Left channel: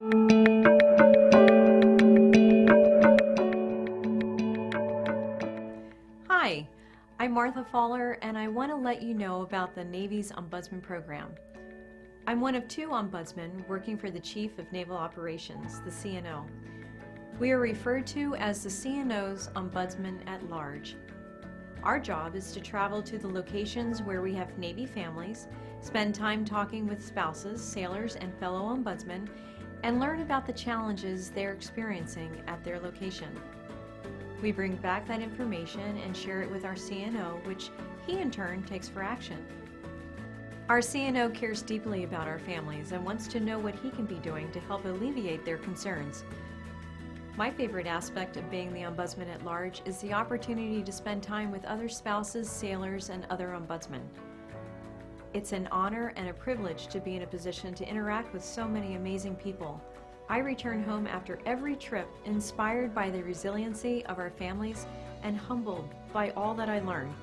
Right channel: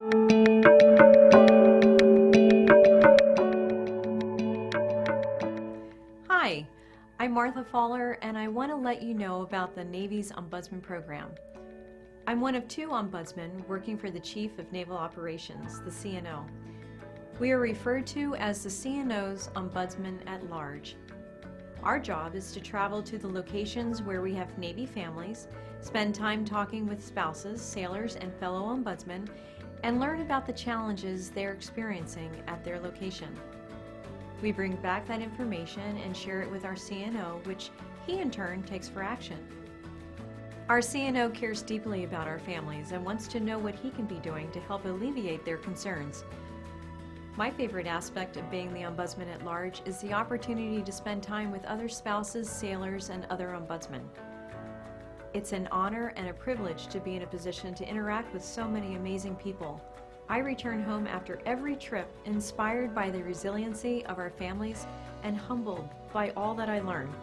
Hi, I'm Martha Faller, and I want to let you know about the Navy's Ombudsman Program. I'm one of 2 ombudsmen working for the Chief of Naval Operations, the CNO. We are referred to as the CNO's Ombudsman at Large. Our job is to travel to the locations where we have Navy families, spend time talking with spouses, sailors, and fellow ombudsmen, and learn about the challenges they're experiencing at their location. We bring back that information and share it with our CNO, which he in turn takes for action. Our CNO cares deeply about our families and wants to know what he can be doing to help alleviate their concerns. My favorite aspect of being the Ombudsman at Large is the opportunity to spend time with other spouses, sailors, and other ombudsmen. It's an honor and a privilege to be in a position to interact with so many amazing people. I return home after every trip inspired by the resiliency of our families and humbled by all that I learn.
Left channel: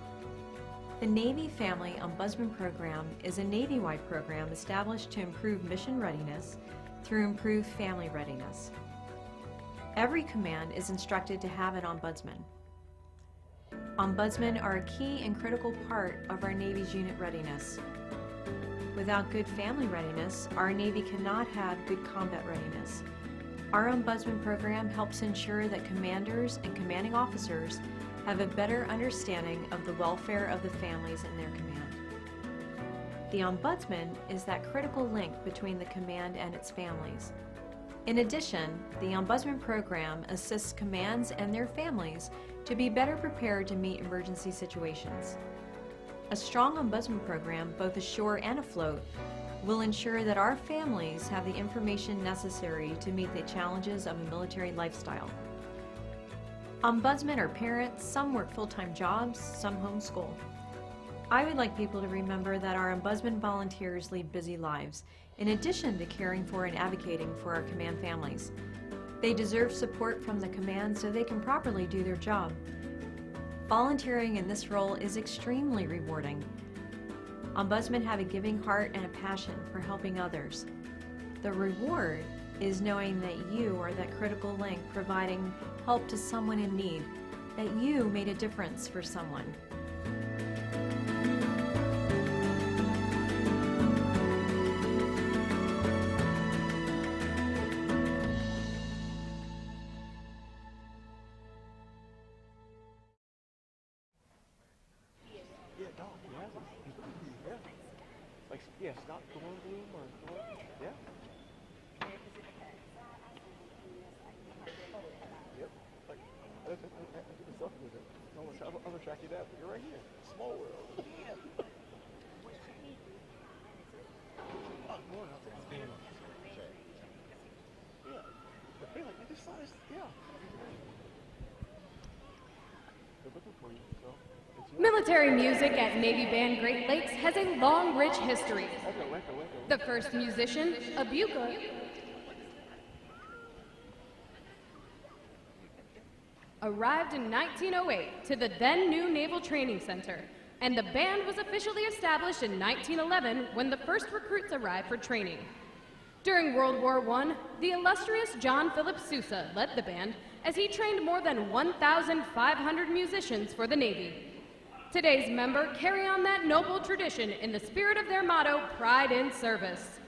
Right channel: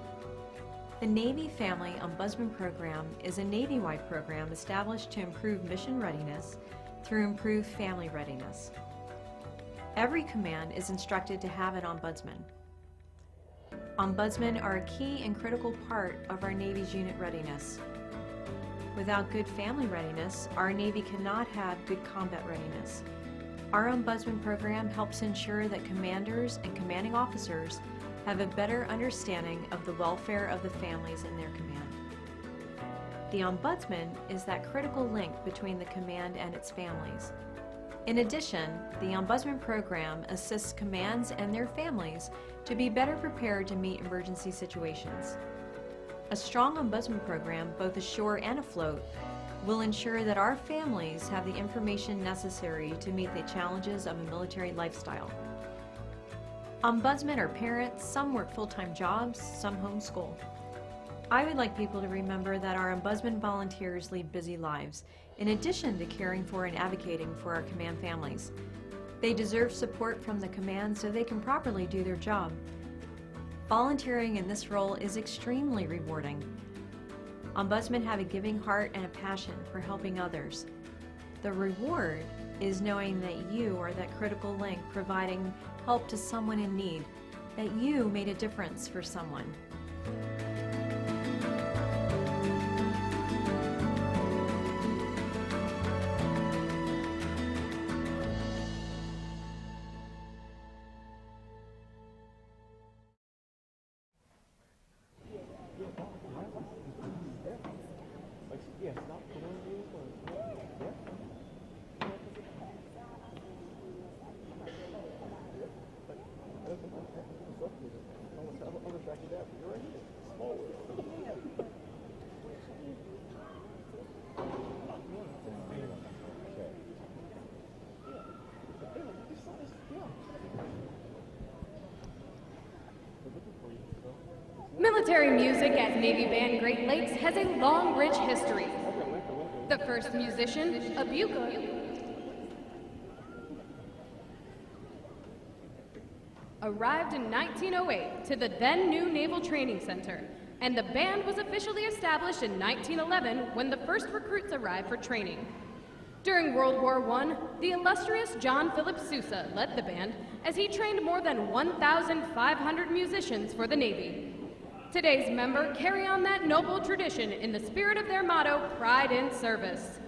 The Navy Family Ombudsman Program is a Navy-wide program established to improve mission readiness through improved family readiness. Every command is instructed to have an ombudsman. Ombudsmen are a key and critical part of our Navy's unit readiness. Without good family readiness, our Navy cannot have good combat readiness. Our Ombudsman program helps ensure that commanders and commanding officers have a better understanding of the welfare of the families in their command. The Ombudsman is that critical link between the command and its families. In addition, the Ombudsman program assists commands and their families to be better prepared to meet emergency situations. A strong Ombudsman program, both ashore and afloat, will ensure that our families have the information necessary to meet the challenges of a military lifestyle. Ombudsmen are parents, some work full-time jobs, some homeschool. I would like people to remember that our Ombudsman volunteers lead busy lives, in addition to caring for and advocating for our command families. They deserve support from the command so they can properly do their job. Volunteering in this role is extremely rewarding. Ombudsmen have a giving heart and a passion for helping others. The reward is knowing that you are that critical link providing help to someone in need, that you made a difference for someone. Military music at Navy Band Great Lakes has a long, rich history. The first musician, Abuka, arrived in 1908 to the then new Naval Training Center, and the band was officially established in 1911 when the first recruits arrived for training. During World War I, the illustrious John Philip Sousa led the band as he trained more than 1,500 musicians for the Navy. Today's members carry on that noble tradition in the spirit of their motto, Pride in Service.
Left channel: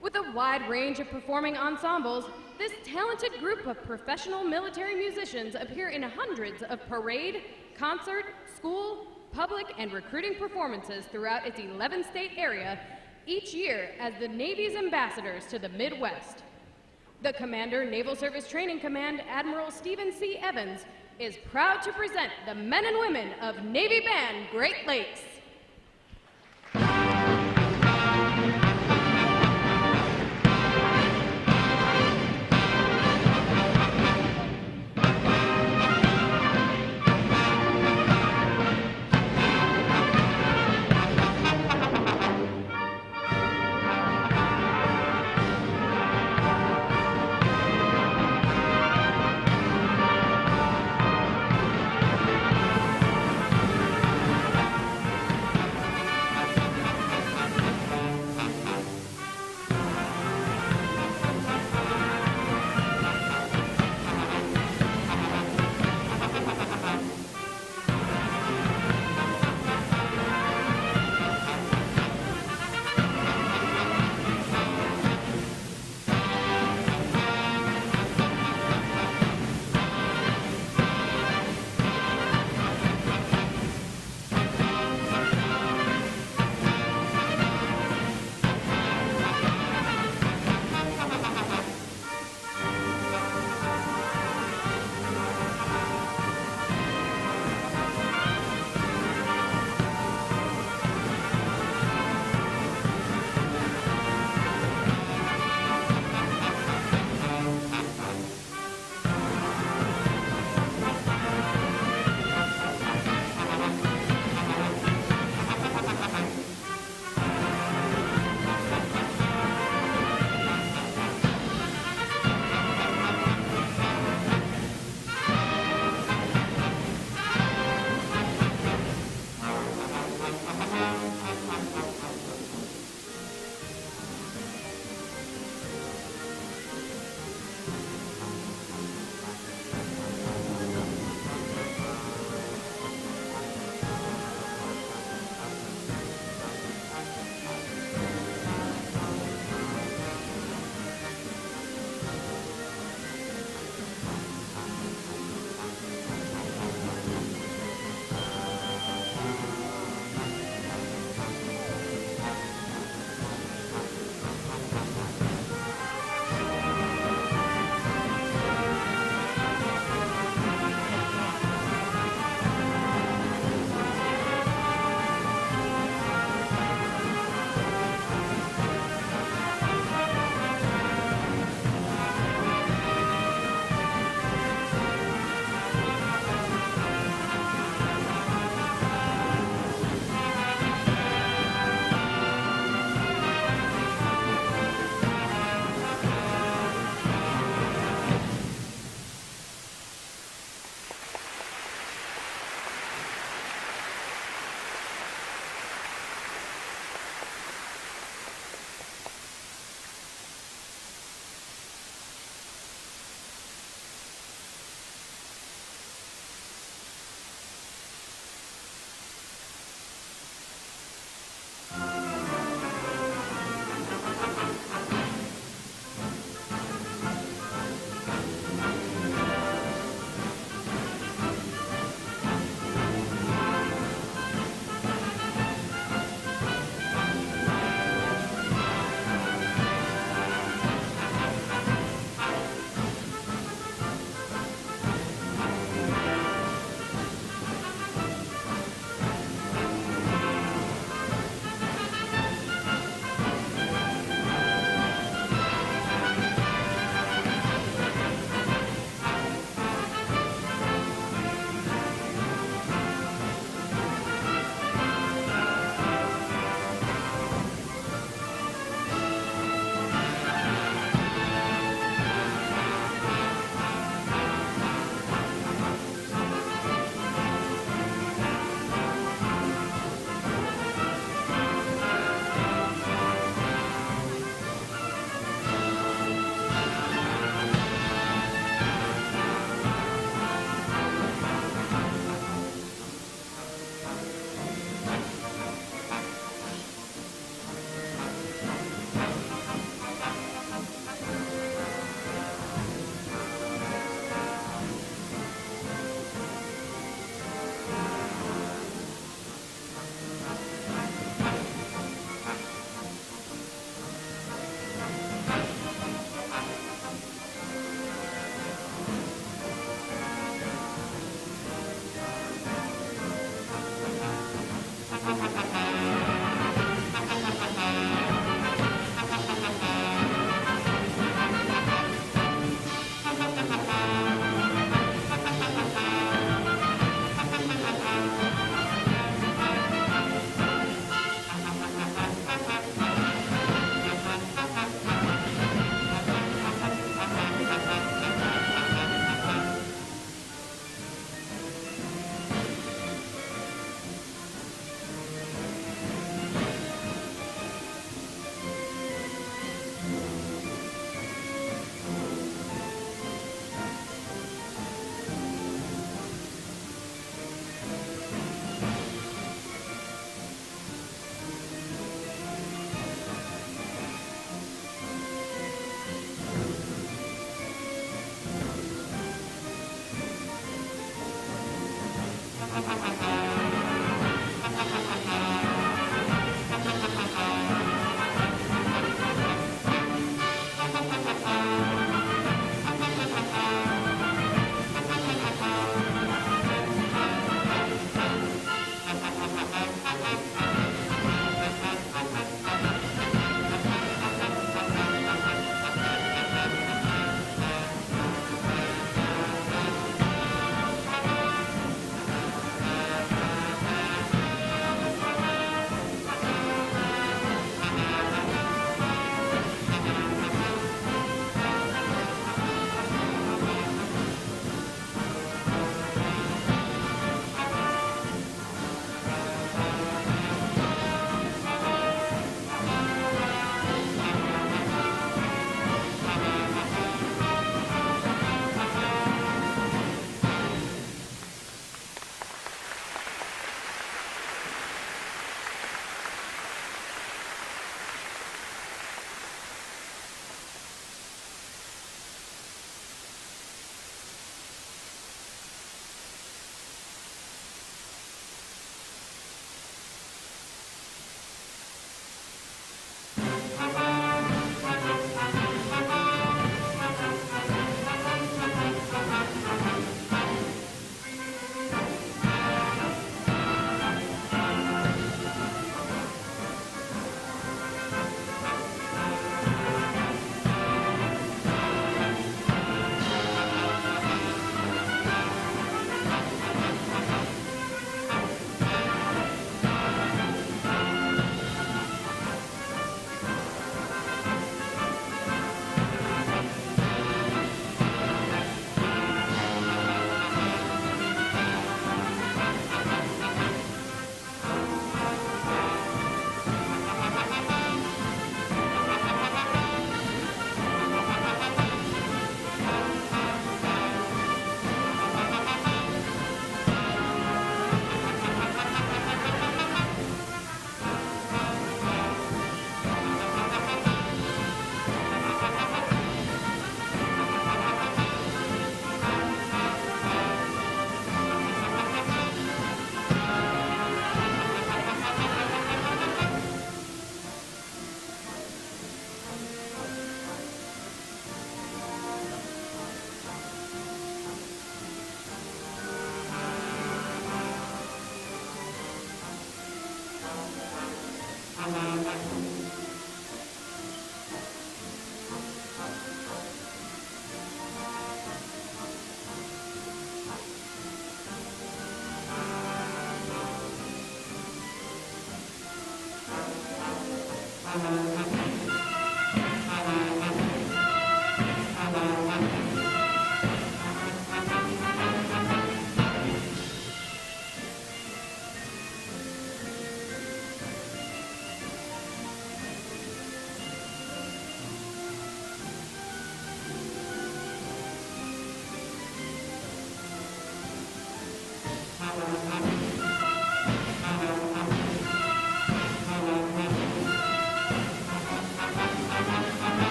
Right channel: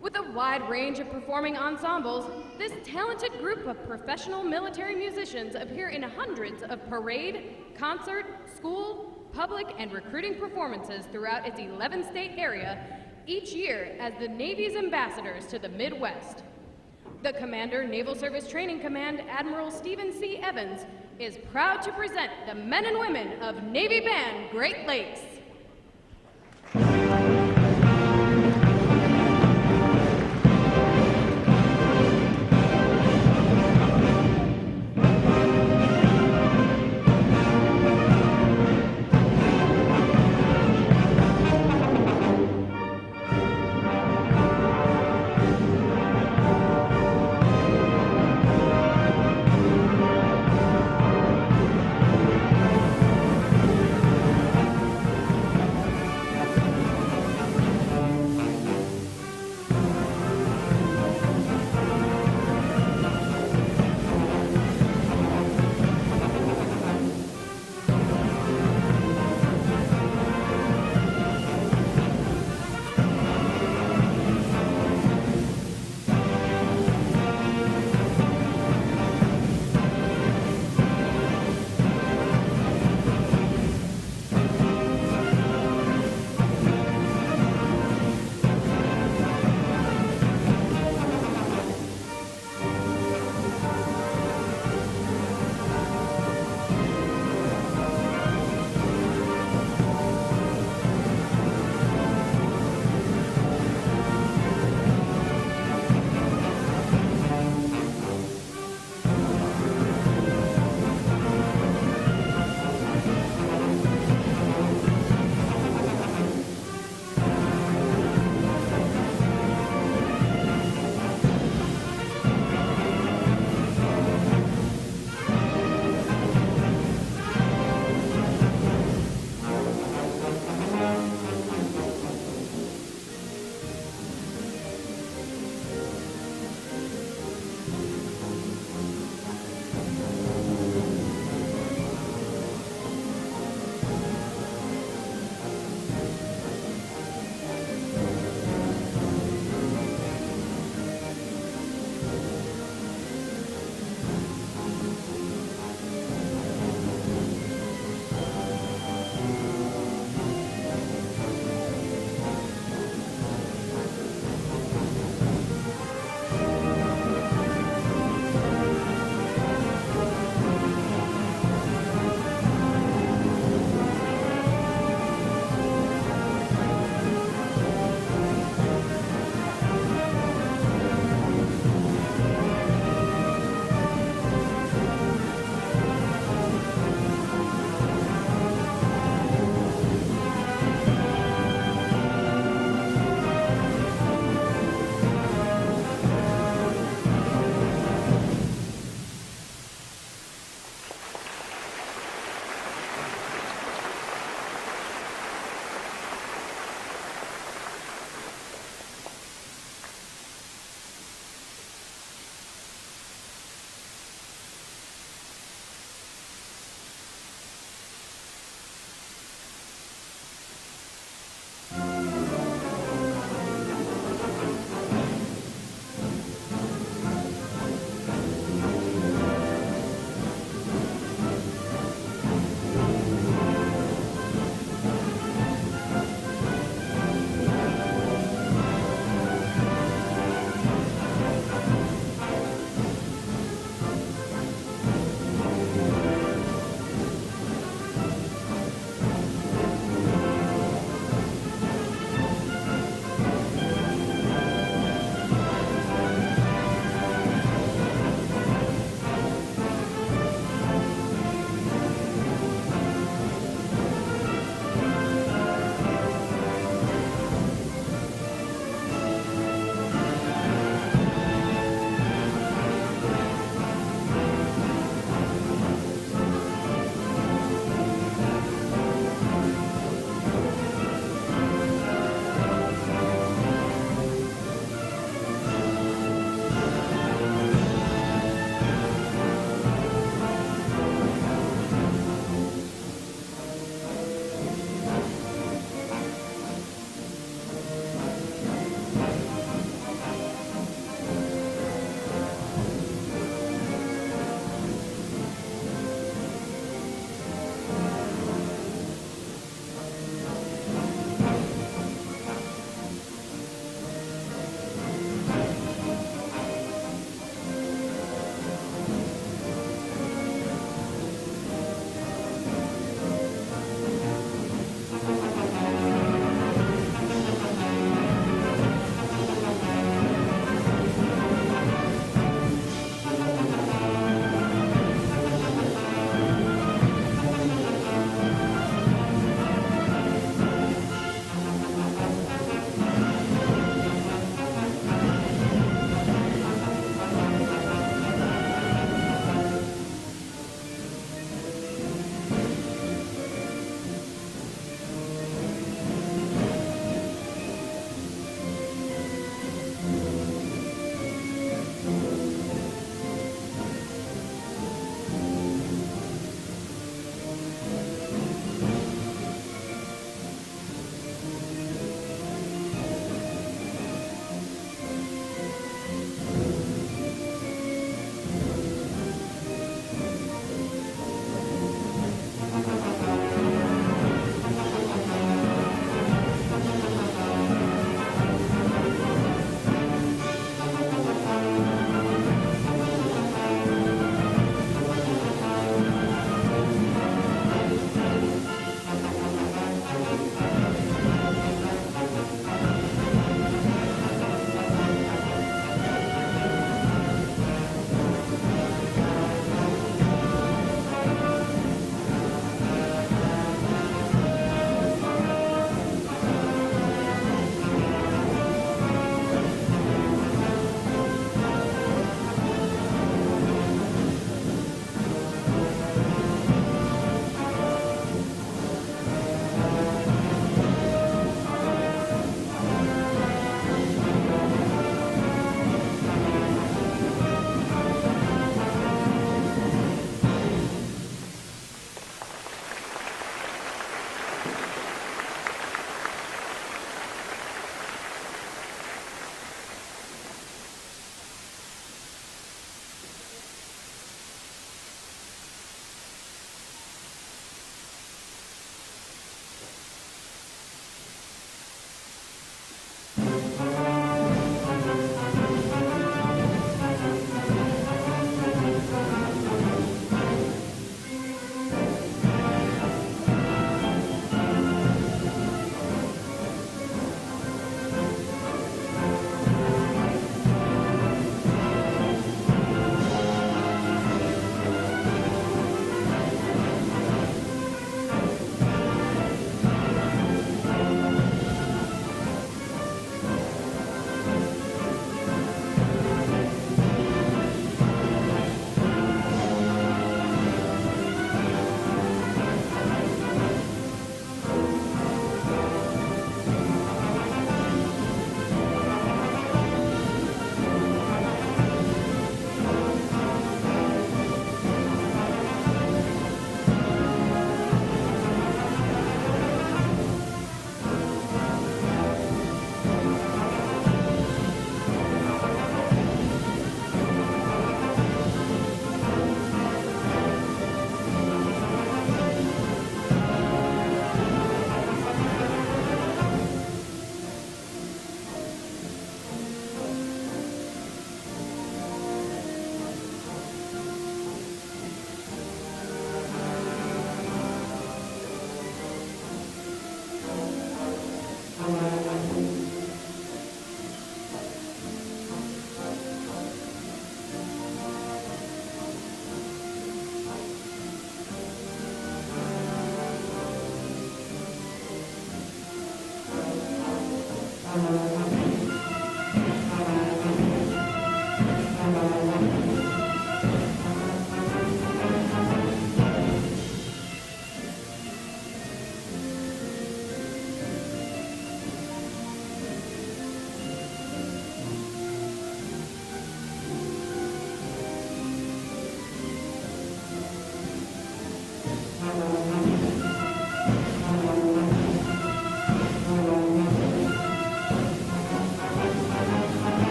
With a wide range of performing ensembles, this talented group of professional military musicians appear in hundreds of parade, concert, school, public, and recruiting performances throughout its 11-state area each year as the Navy's ambassadors to the Midwest. The Commander, Naval Service Training Command, Admiral Stephen C. Evans, is proud to present the men and women of Navy Band Great Lakes.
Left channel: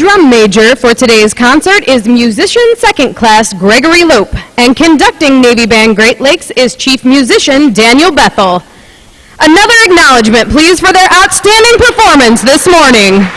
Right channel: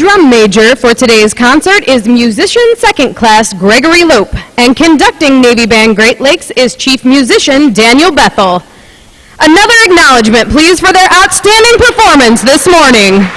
drum major for today's concert is musician second class Gregory Lope, and conducting Navy Band Great Lakes is chief musician Daniel Bethel. Another acknowledgement, please, for their outstanding performance this morning.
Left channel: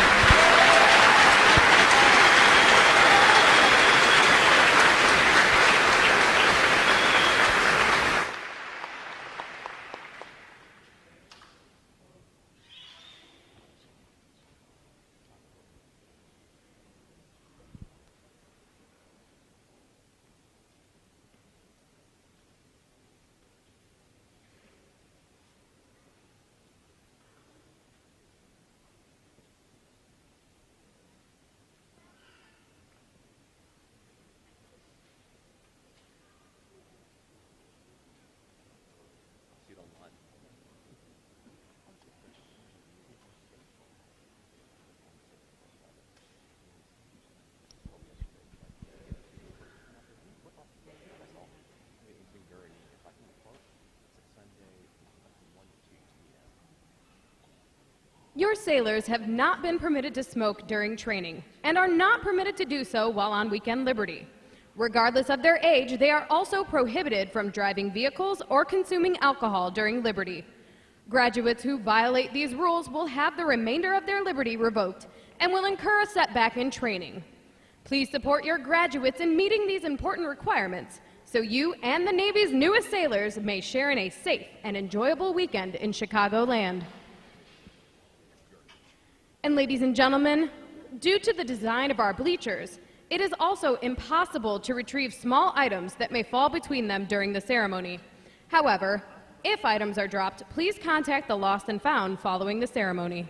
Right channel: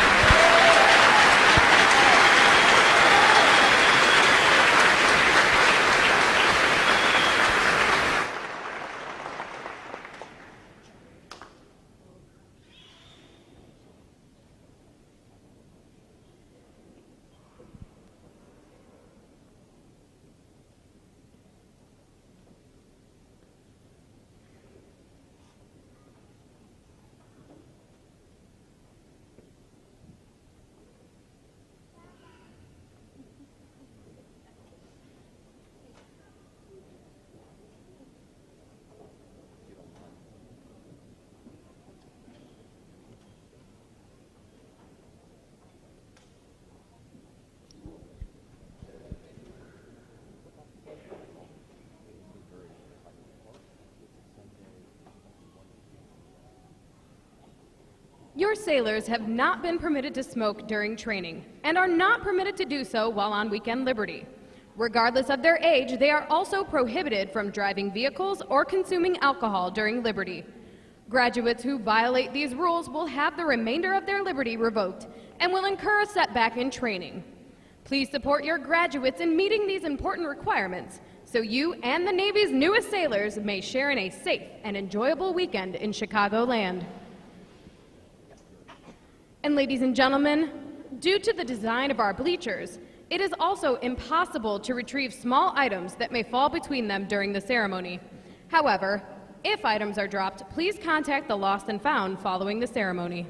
Your sailors have not been permitted to smoke during training and are not permitted to do so while on weekend liberty. Regardless of their age, they are also prohibited from driving vehicles or consuming alcohol during liberty. Graduates who violate these rules will have the remainder of their liberty revoked and will incur a setback in training. Please support your graduates in meeting these important requirements so you and the Navy's newest sailors may share in a safe and enjoyable weekend in Chicagoland. And ladies and gentlemen, due to the design of our bleachers, it is also impossible to retrieve small items that may fall between them during the ceremony. However, if items are dropped, please contact the Lost and Found following the ceremony.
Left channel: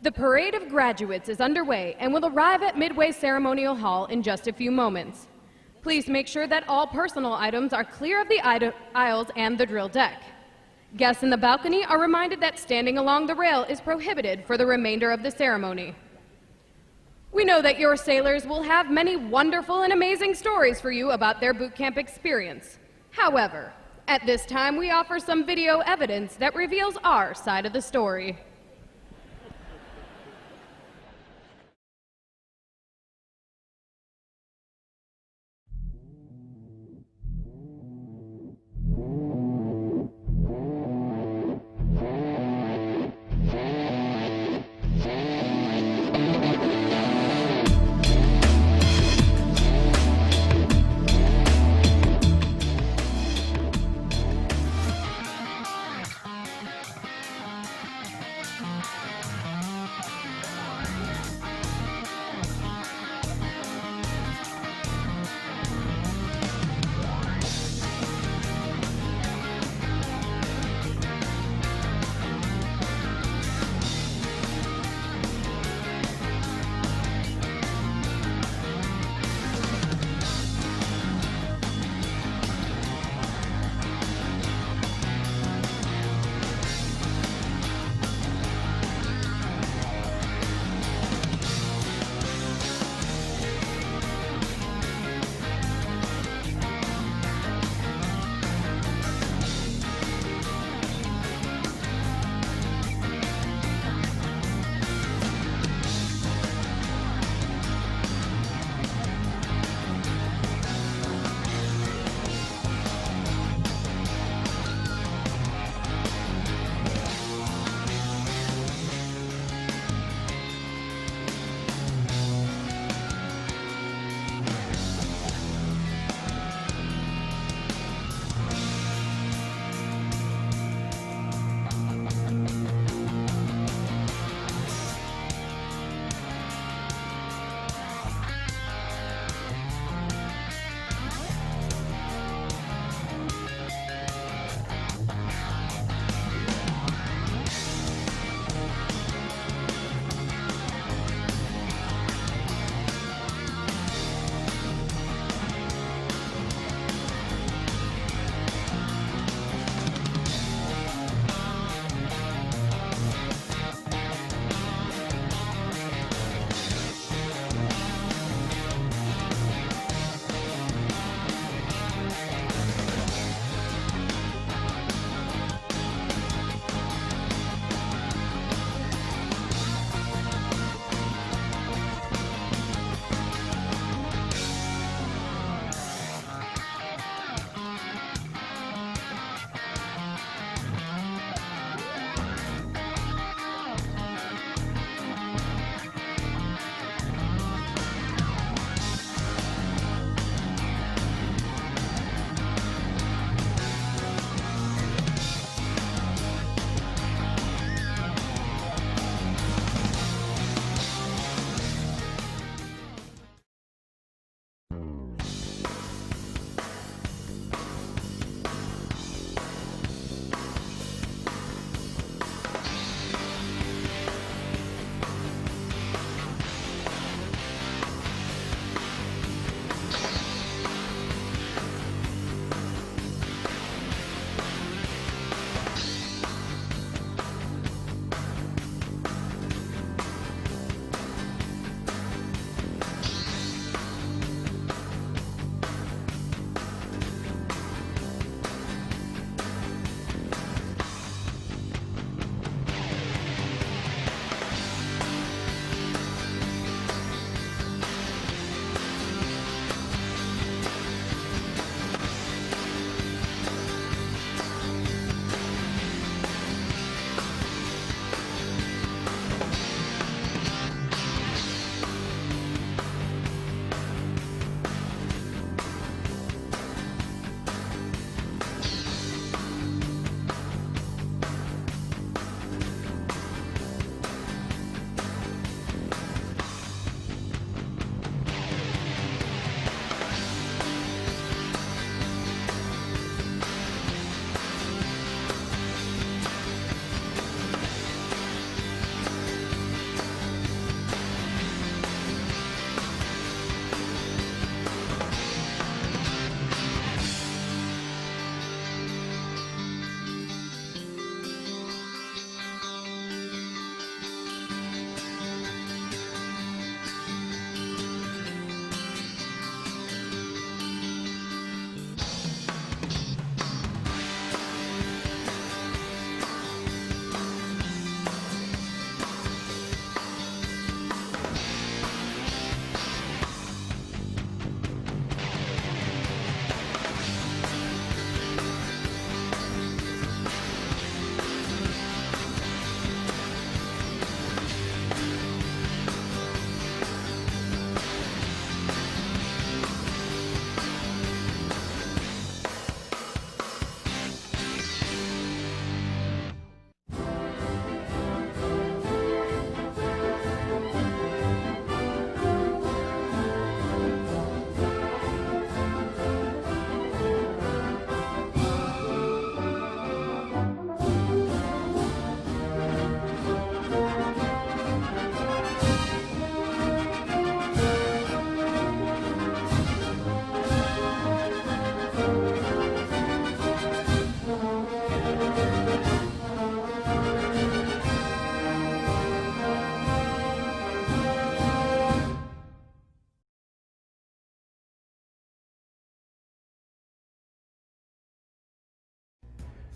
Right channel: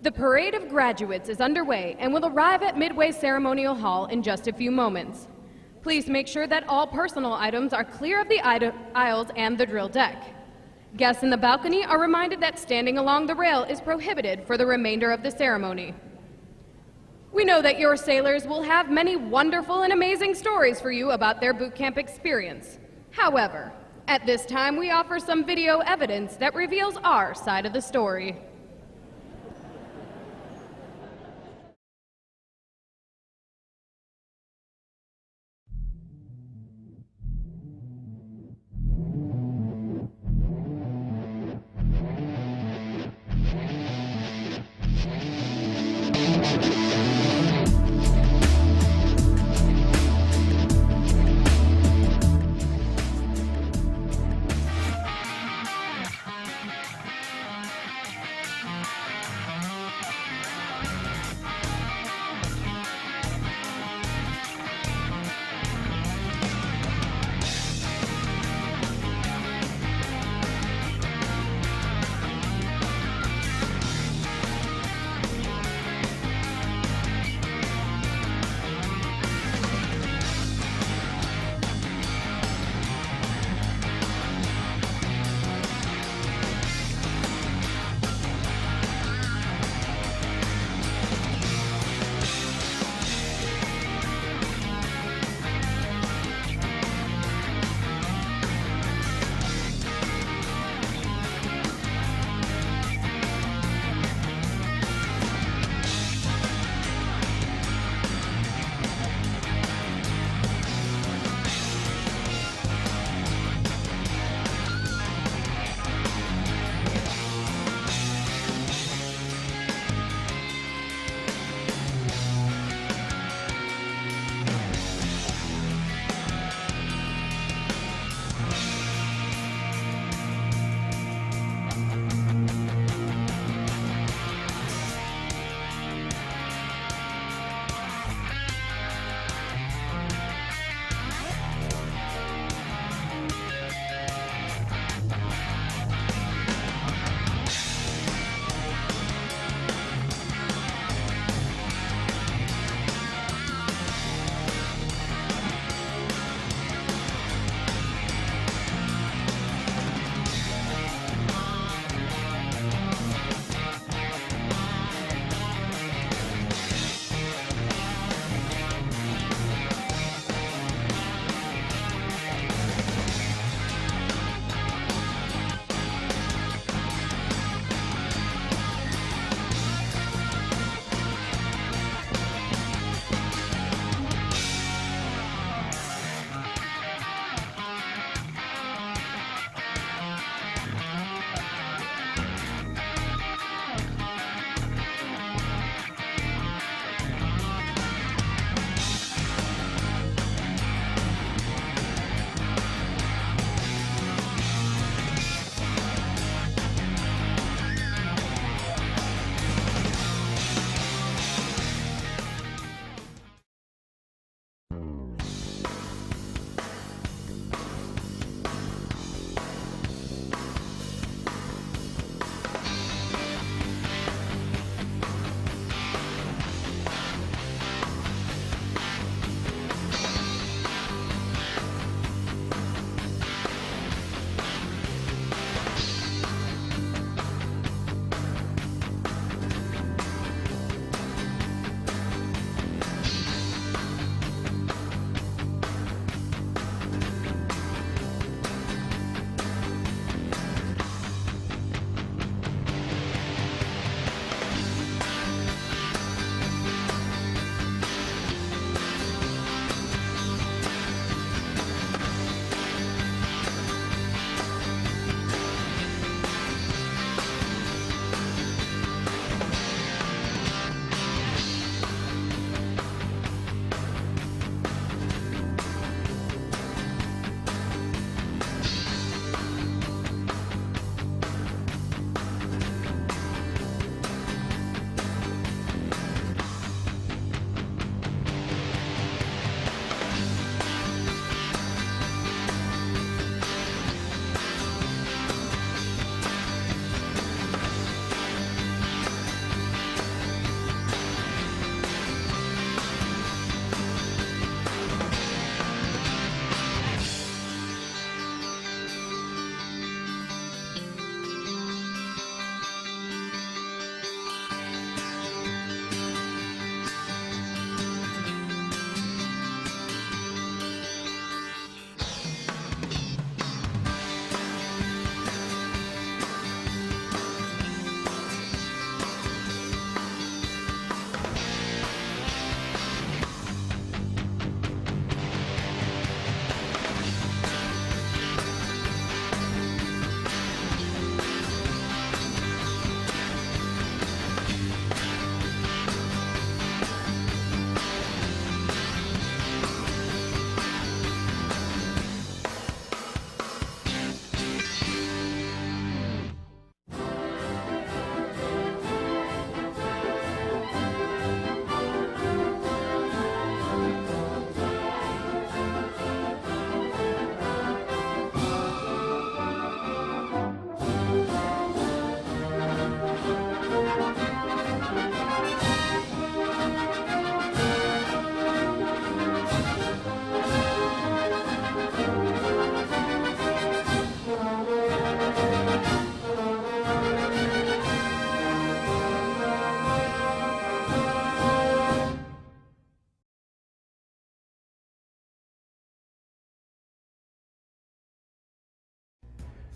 The parade of graduates is underway and will arrive at Midway Ceremonial Hall in just a few moments. Please make sure that all personal items are clear of the aisles and the drill deck. Guests in the balcony are reminded that standing along the rail is prohibited for the remainder of the ceremony. We know that your sailors will have many wonderful and amazing stories for you about their boot camp experience. However, at this time we offer some video evidence that reveals our side of the story.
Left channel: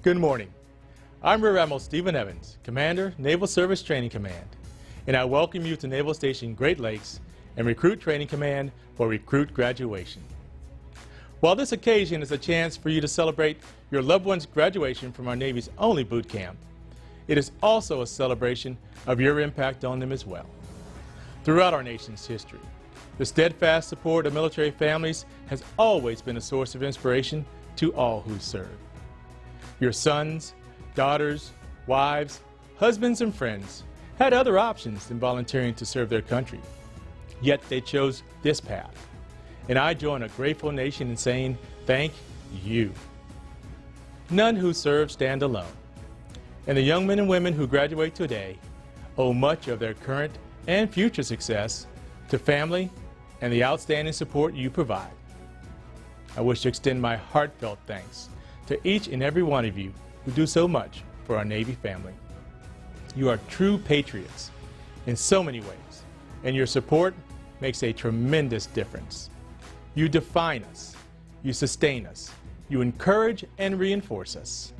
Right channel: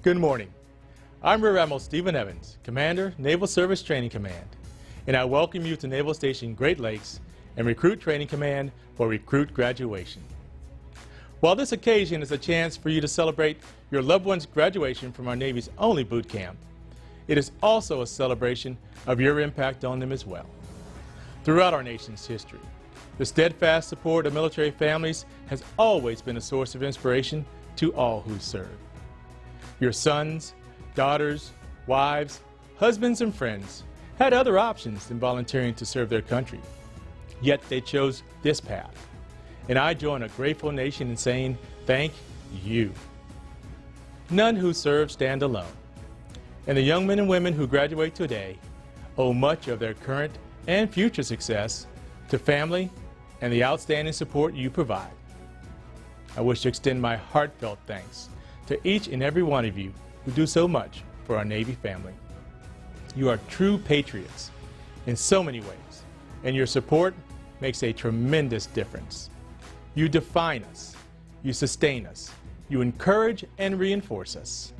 Good morning. I'm Rear Admiral Stephen Evans, Commander, Naval Service Training Command, and I welcome you to Naval Station Great Lakes and Recruit Training Command for Recruit Graduation. While this occasion is a chance for you to celebrate your loved one's graduation from our Navy's only boot camp, it is also a celebration of your impact on them as well. Throughout our nation's history, the steadfast support of military families has always been a source of inspiration to all who serve. Your sons, daughters, wives, husbands, and friends had other options than volunteering to serve their country, yet they chose this path. And I join a grateful nation in saying thank you. None who serve stand alone, and the young men and women who graduate today owe much of their current and future success to family and the outstanding support you provide. I wish to extend my heartfelt thanks to each and every one of you who do so much for our Navy family. You are true patriots in so many ways, and your support makes a tremendous difference. You define us, you sustain us, you encourage and reinforce us.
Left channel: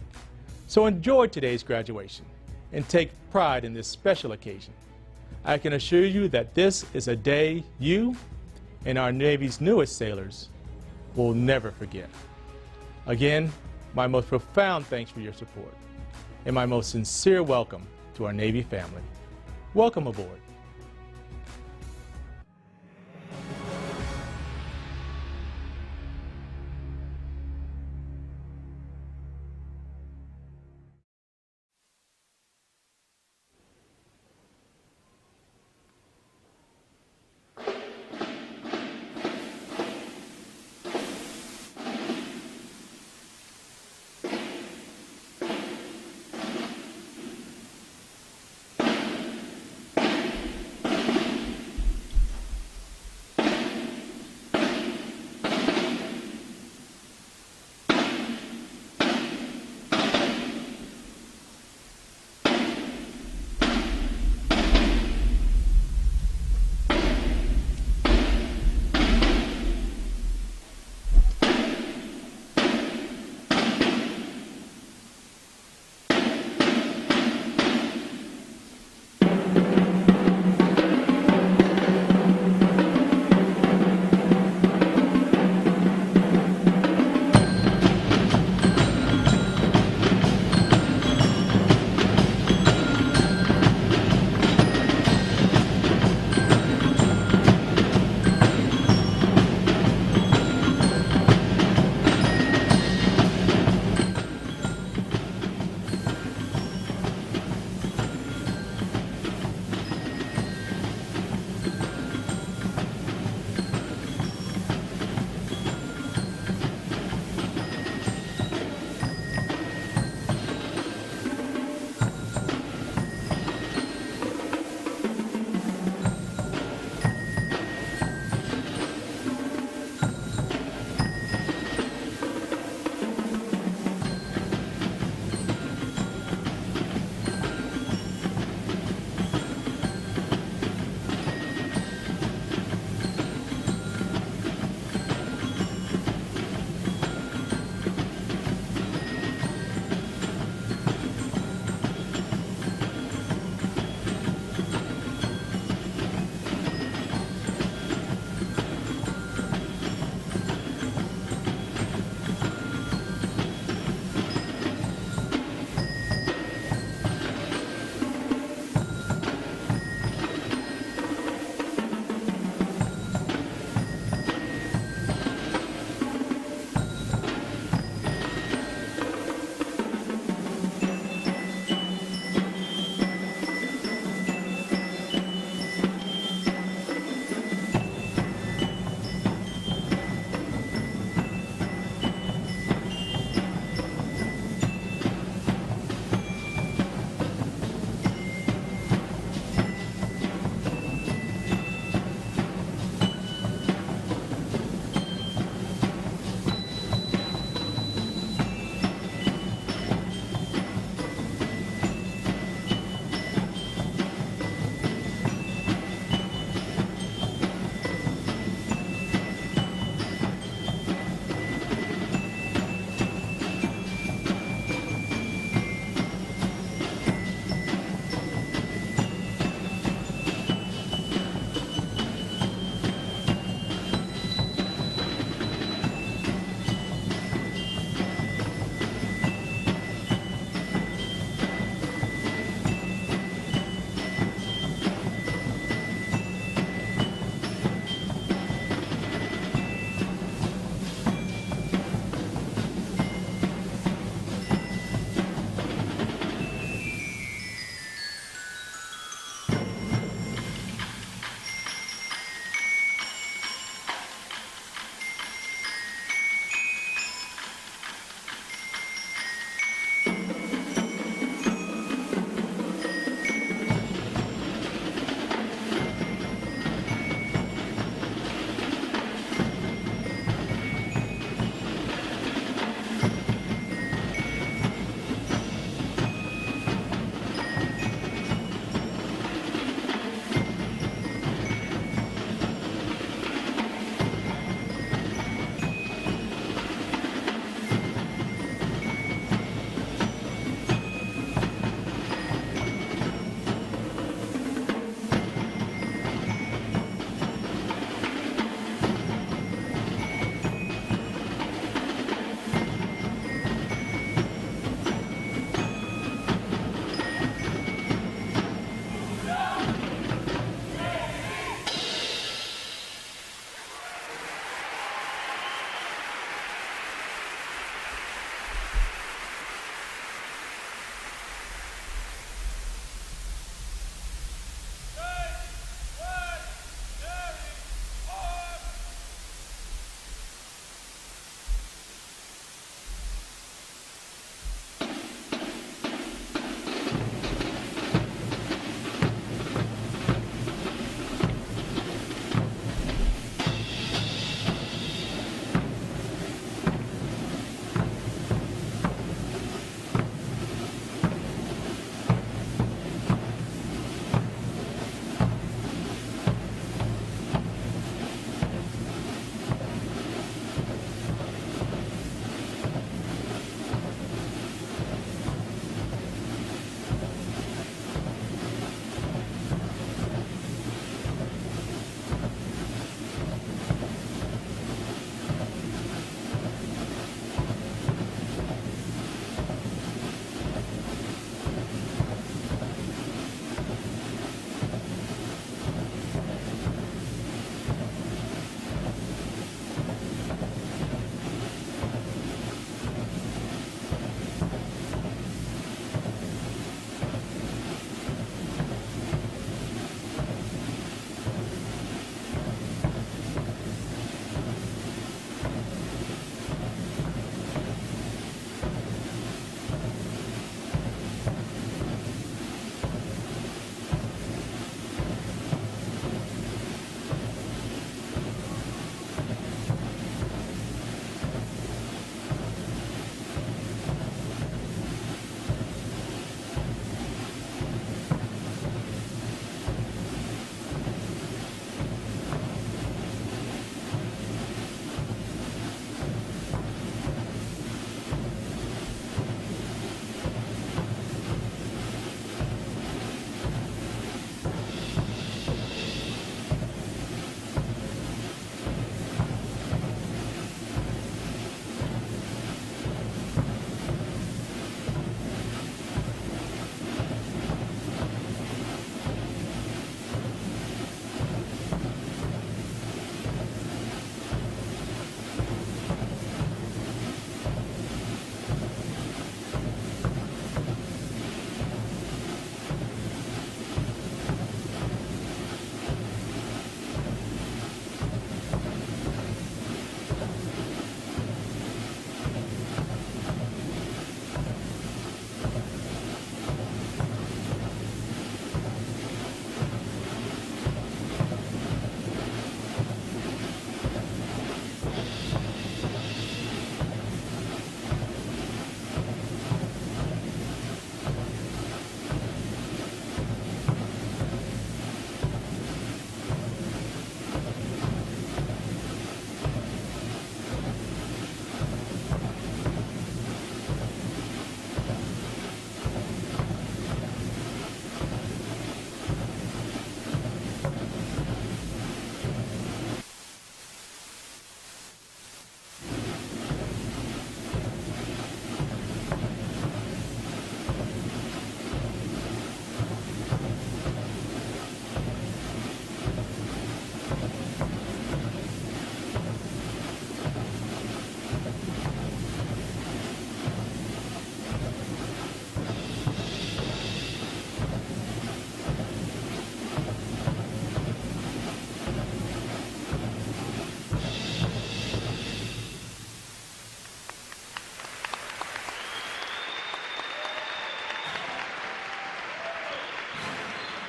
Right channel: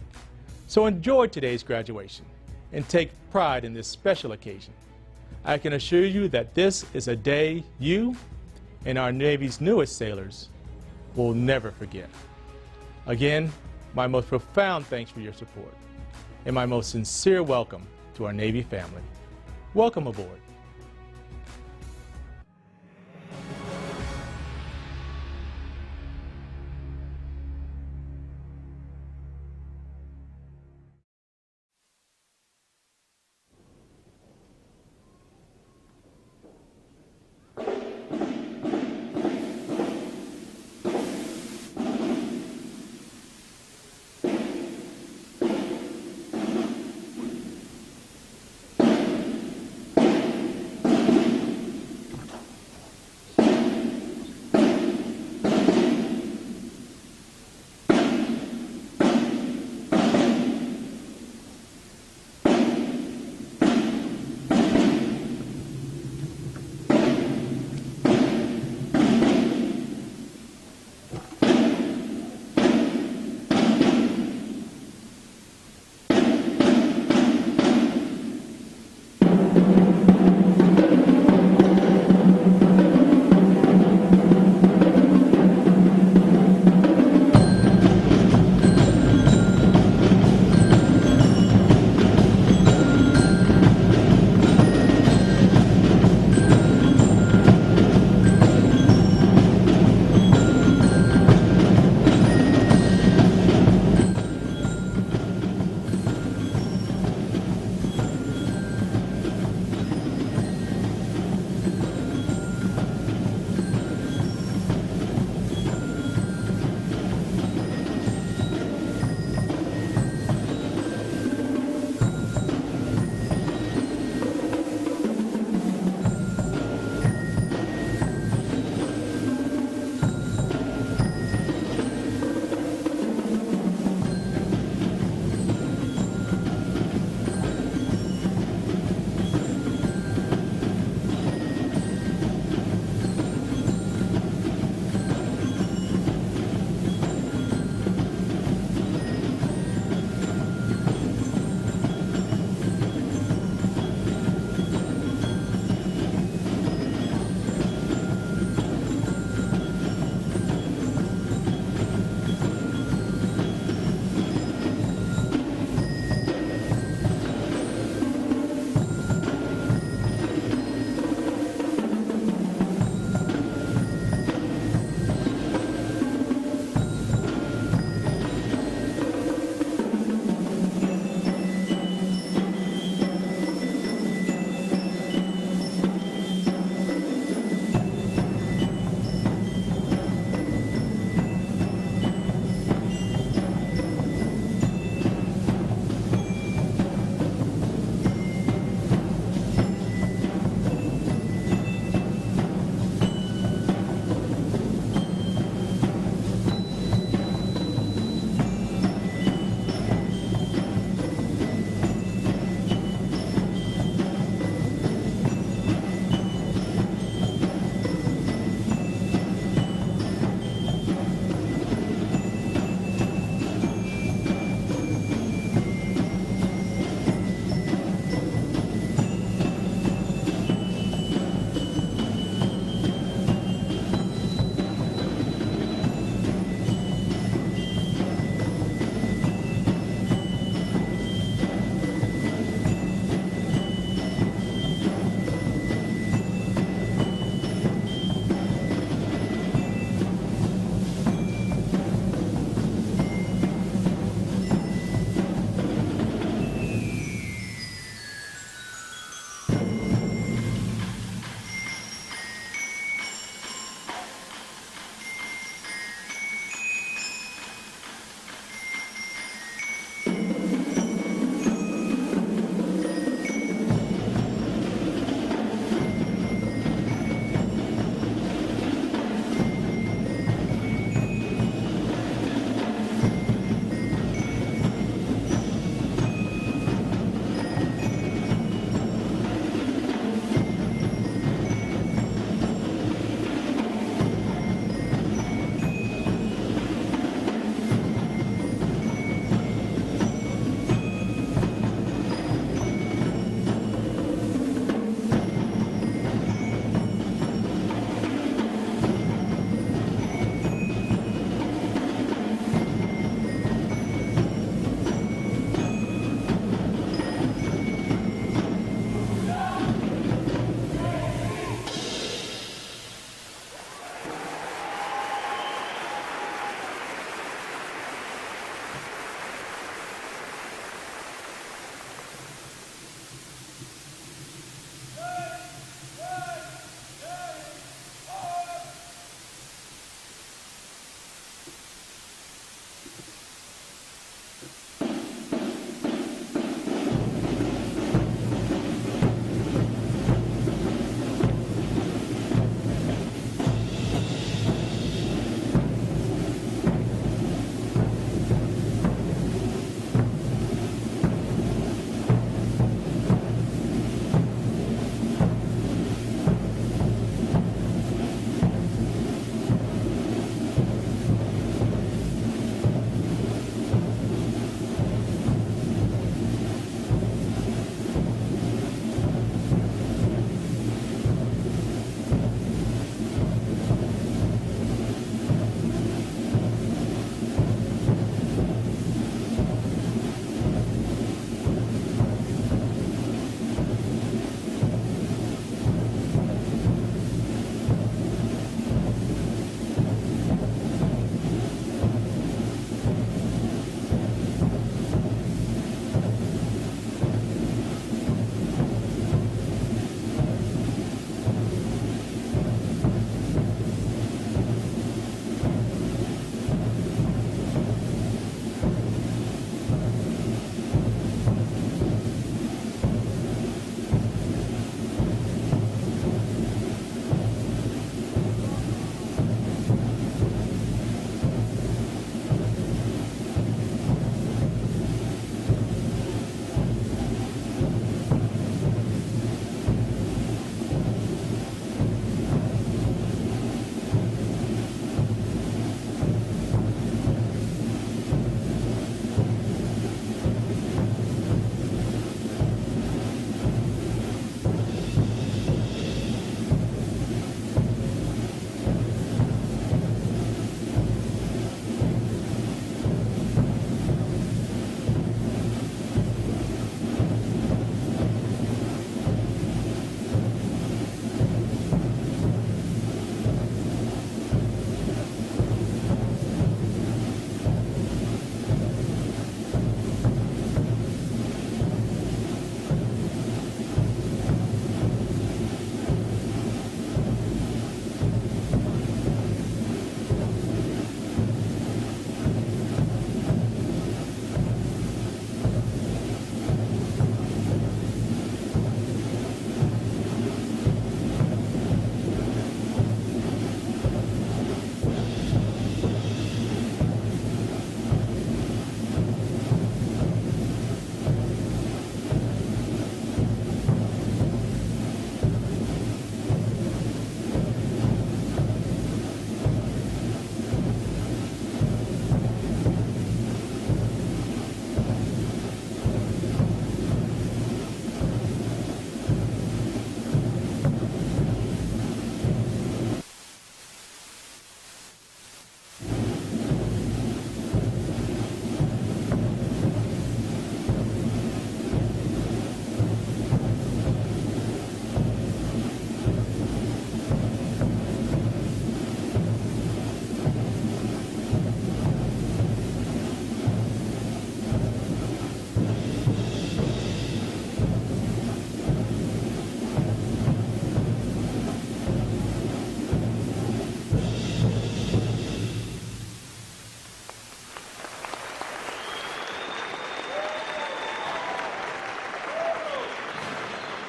So enjoy today's graduation and take pride in this special occasion. I can assure you that this is a day you and our Navy's newest sailors will never forget. Again, my most profound thanks for your support and my most sincere welcome to our Navy family. Welcome aboard.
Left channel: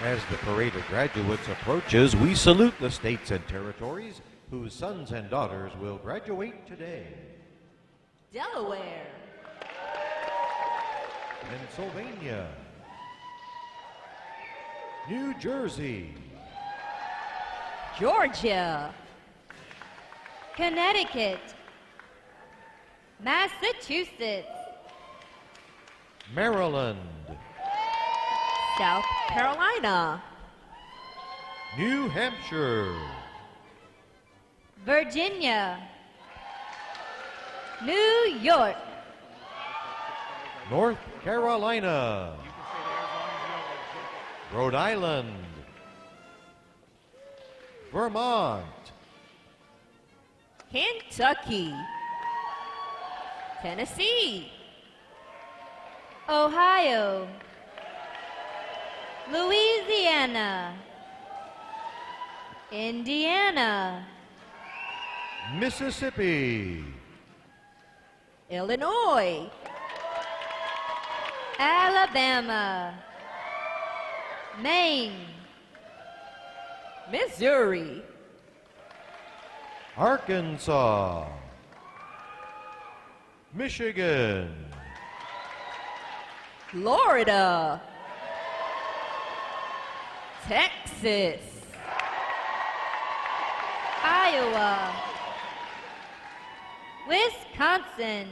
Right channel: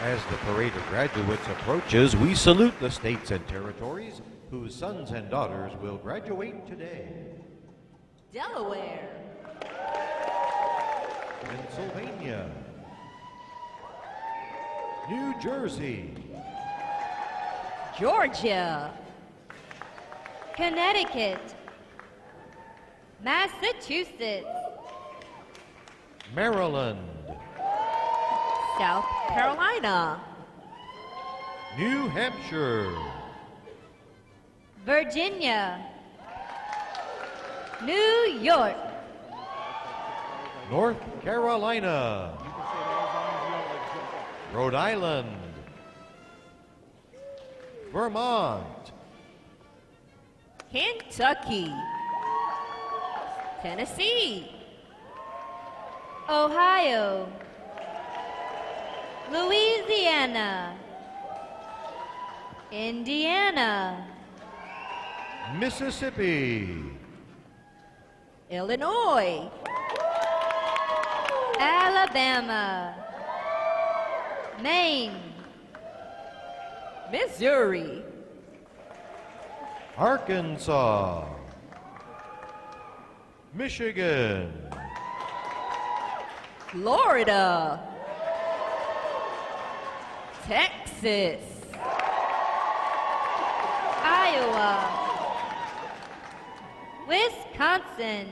As the parade of graduates approaches, we salute the states and territories whose sons and daughters will graduate today. Delaware, Pennsylvania, New Jersey, Georgia, Connecticut, Massachusetts, Maryland, South Carolina, New Hampshire, Virginia, New York, North Carolina, Rhode Island, Vermont, Kentucky, Tennessee, Ohio, Louisiana, Indiana, Mississippi, Illinois, Alabama, Maine, Missouri, Arkansas, Michigan, Florida, Texas, Iowa, Wisconsin,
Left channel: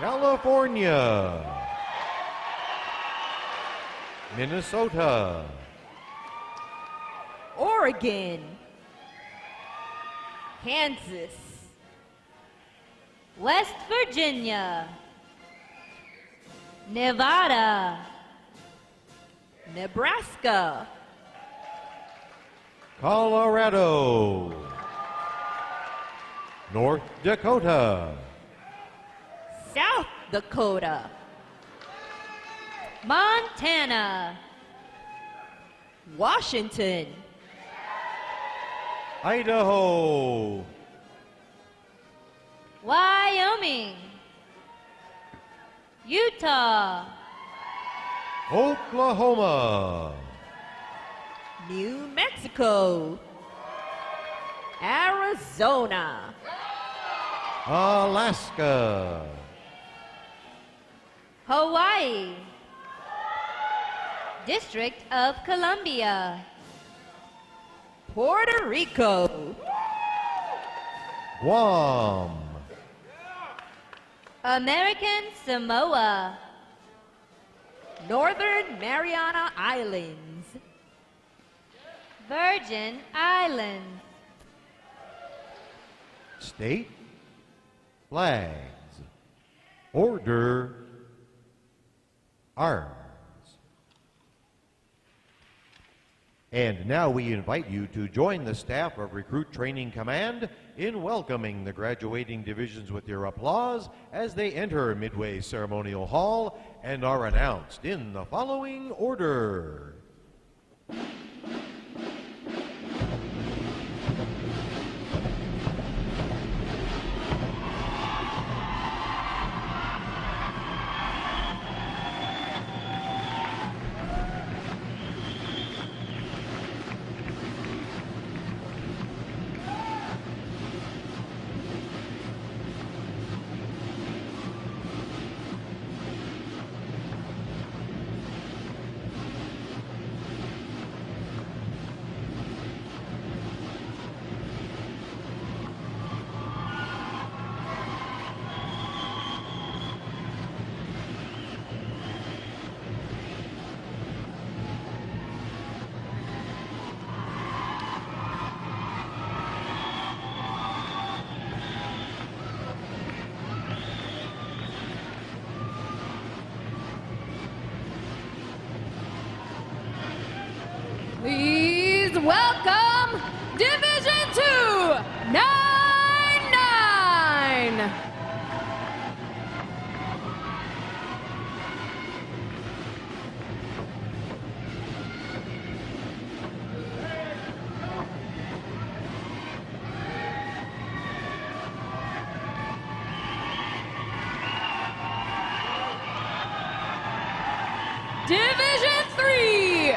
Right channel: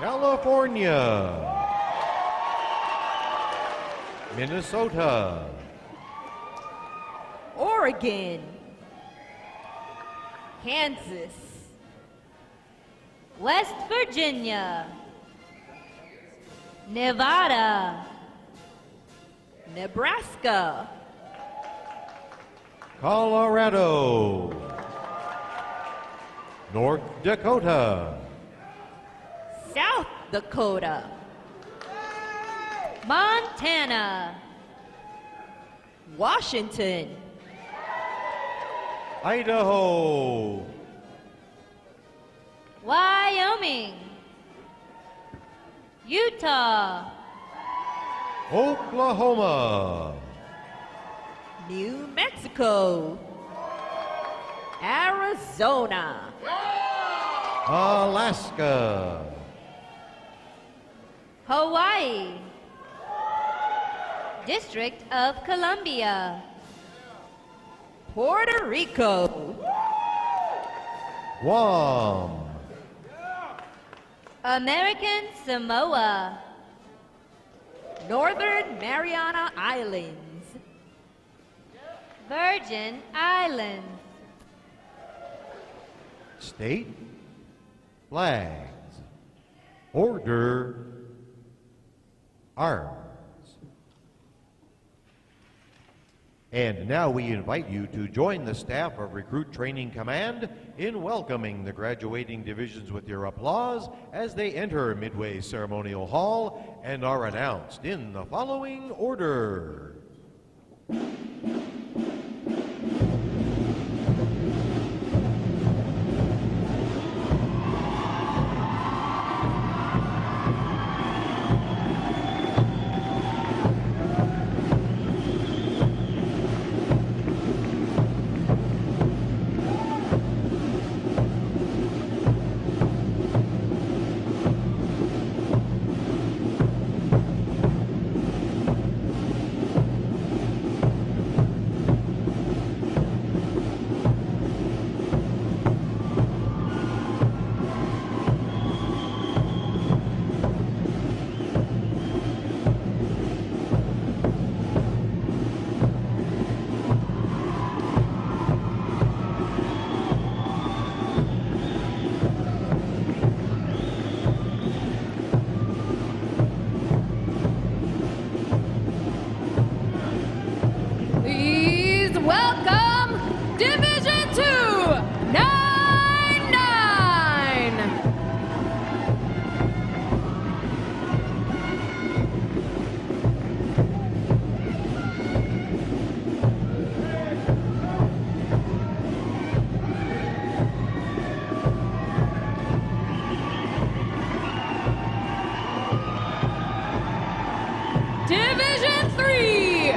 California, Minnesota, Oregon, Kansas, West Virginia, Nevada, Nebraska, Colorado, North Dakota, South Dakota, Montana, Washington, Idaho, Wyoming, Utah, Oklahoma, New Mexico, Arizona, Alaska, Hawaii, District of Columbia, Puerto Rico, Guam, American Samoa, Northern Mariana Islands, Virgin Islands, state flags, order, arms. And now we invite you to join the staff of Recruit Training Command in welcoming the graduating divisions with your applause as they enter Midway Ceremonial Hall and are announced in the following order. Please welcome Division 299. Division 3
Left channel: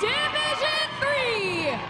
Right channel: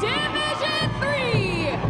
Division 305.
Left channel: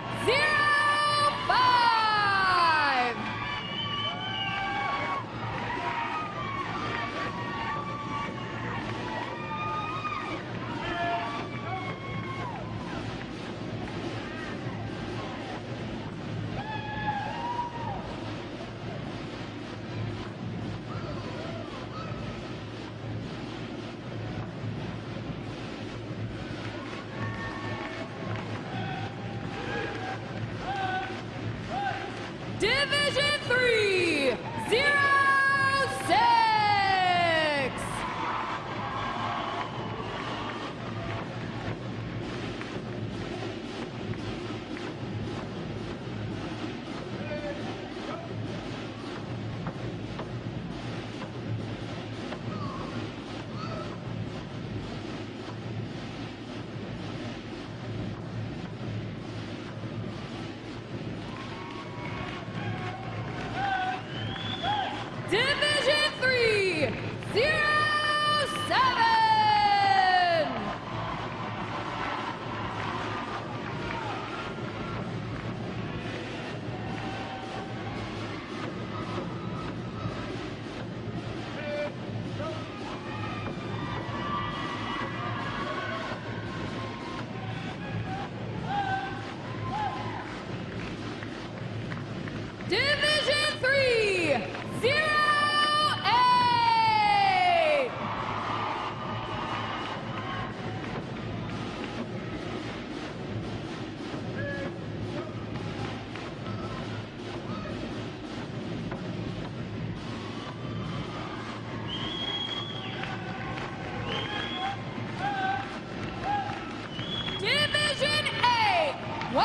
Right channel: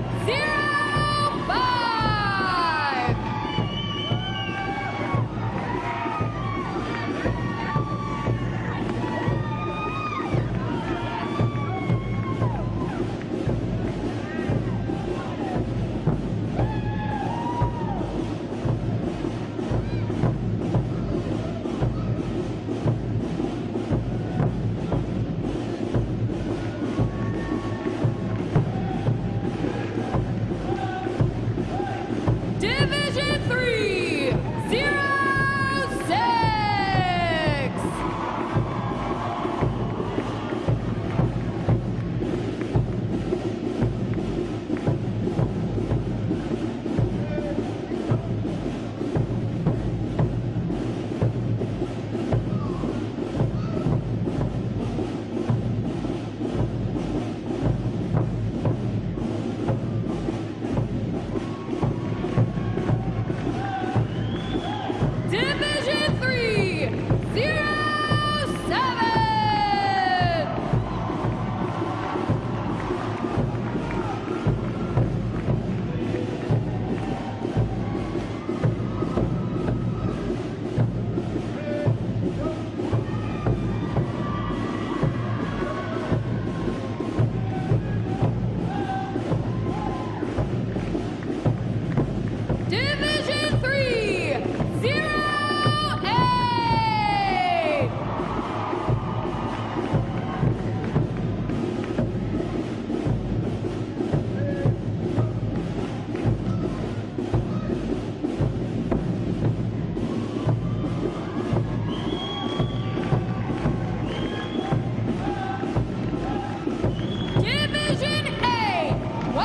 Division 306. Division 307. Division 308. Division 819.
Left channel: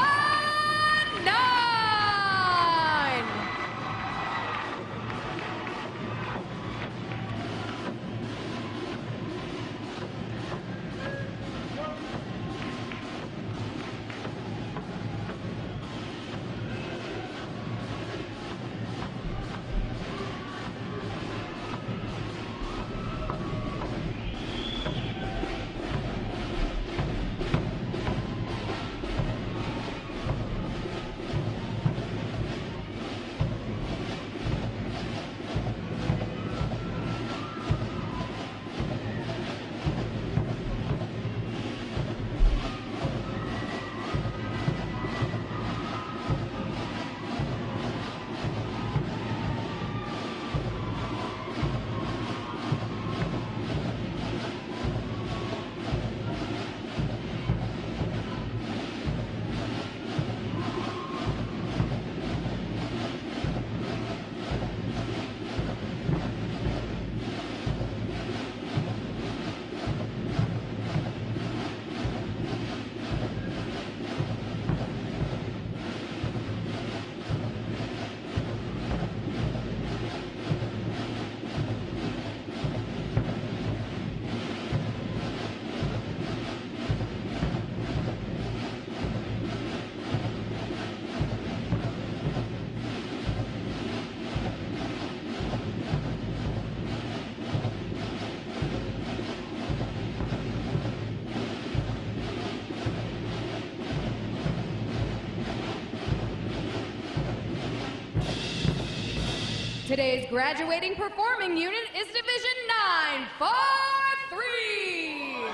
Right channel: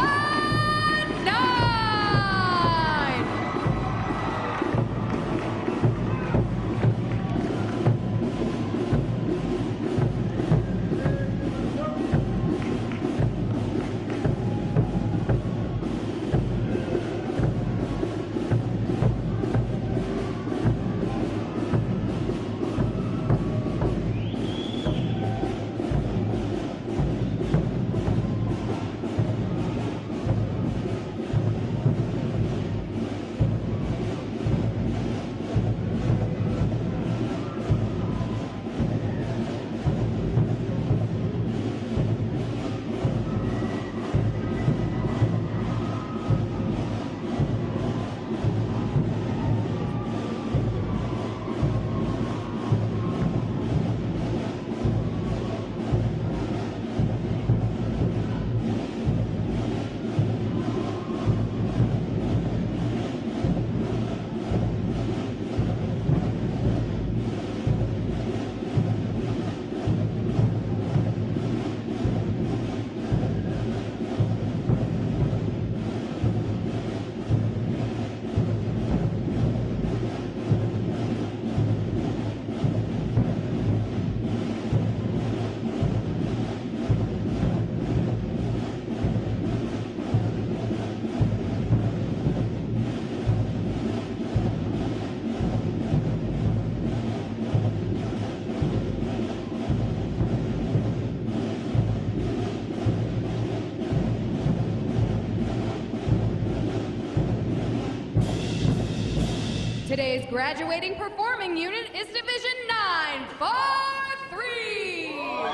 Today's graduating performing unit is Division 943.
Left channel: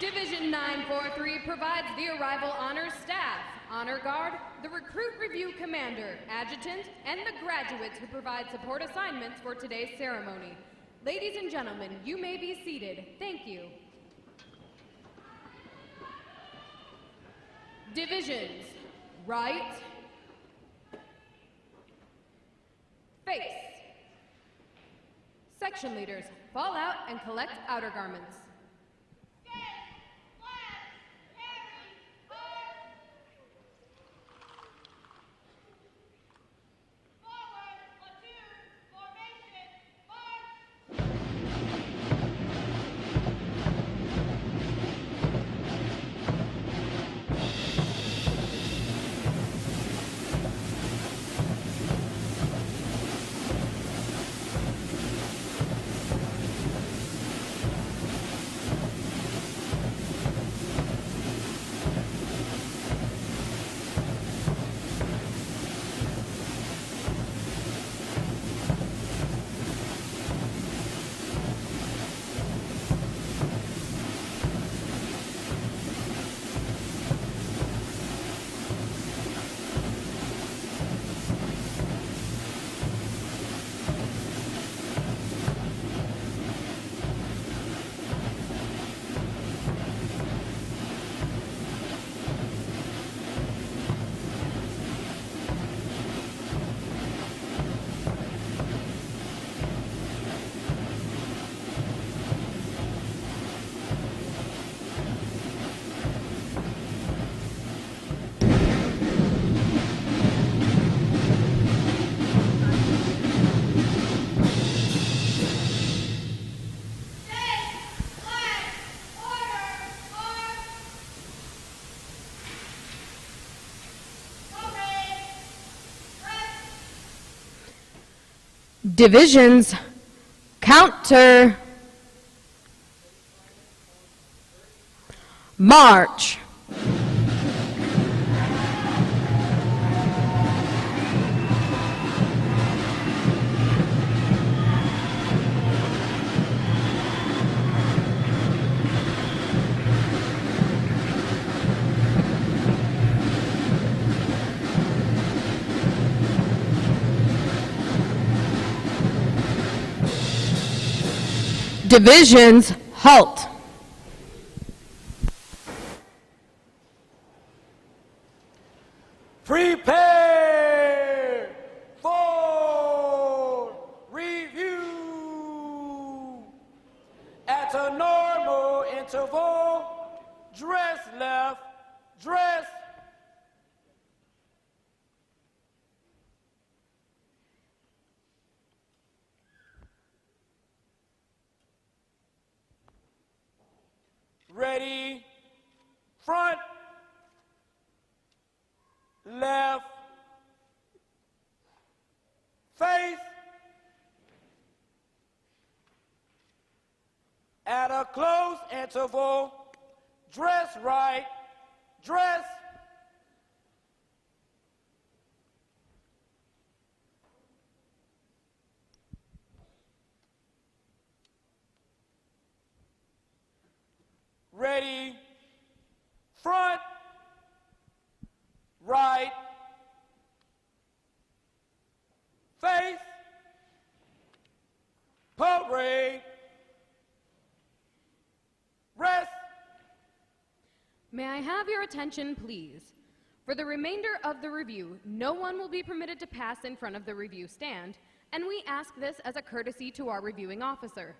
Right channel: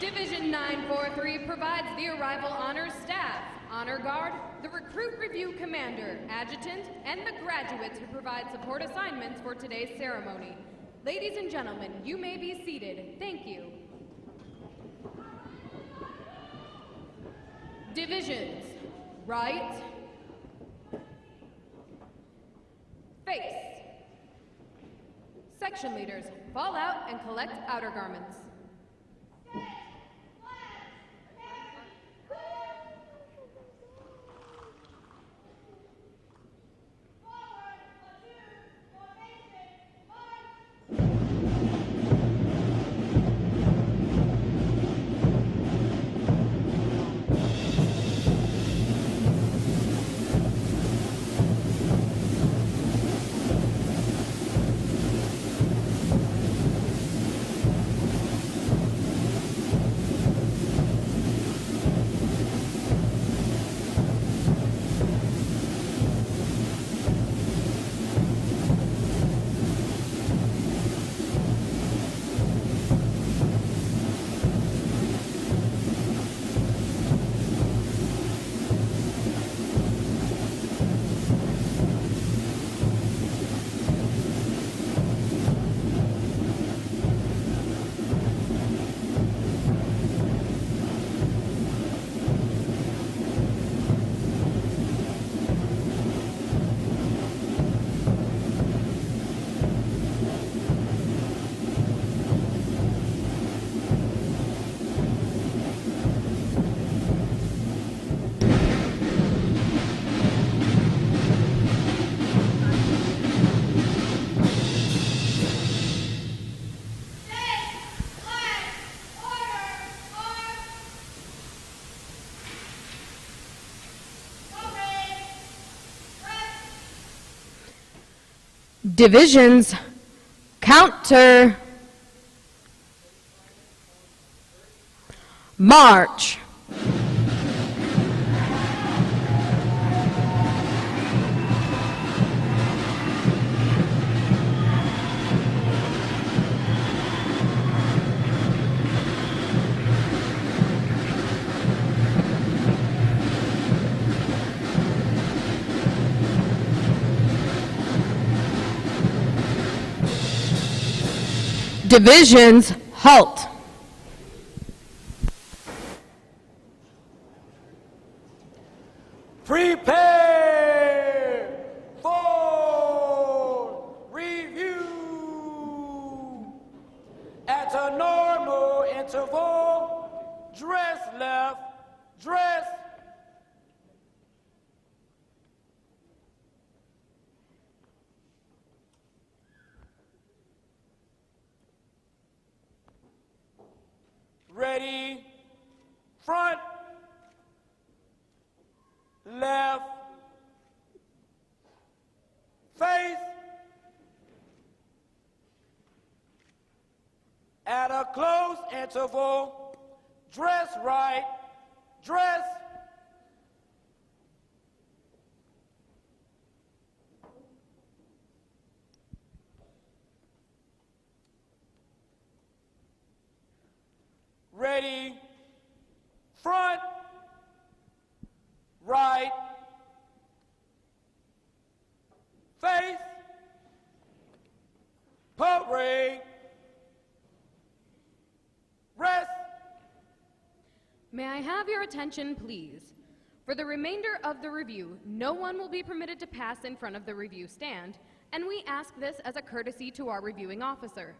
Division 943 provides the arrival honors staff, honor guard, the recruit review commander, adjutant, and the graduates who provide support assignments for today's ceremony. Ladies and gentlemen, you may be seated. Thank you. Divisions. Right. Face. Section leaders, fall out and collect outer garments. Divisions, counter, march. Divisions, halt. Prepare for review. At a normal interval, dress left, dress. Ready, front, left, face, at a close interval, dress right, dress. Ready, front, right, face, parade, rest. May I have your attention, please? For the remainder of the review, no one will be permitted to pass in front of the review stand, and we ask this as a courtesy to our reviewing officer.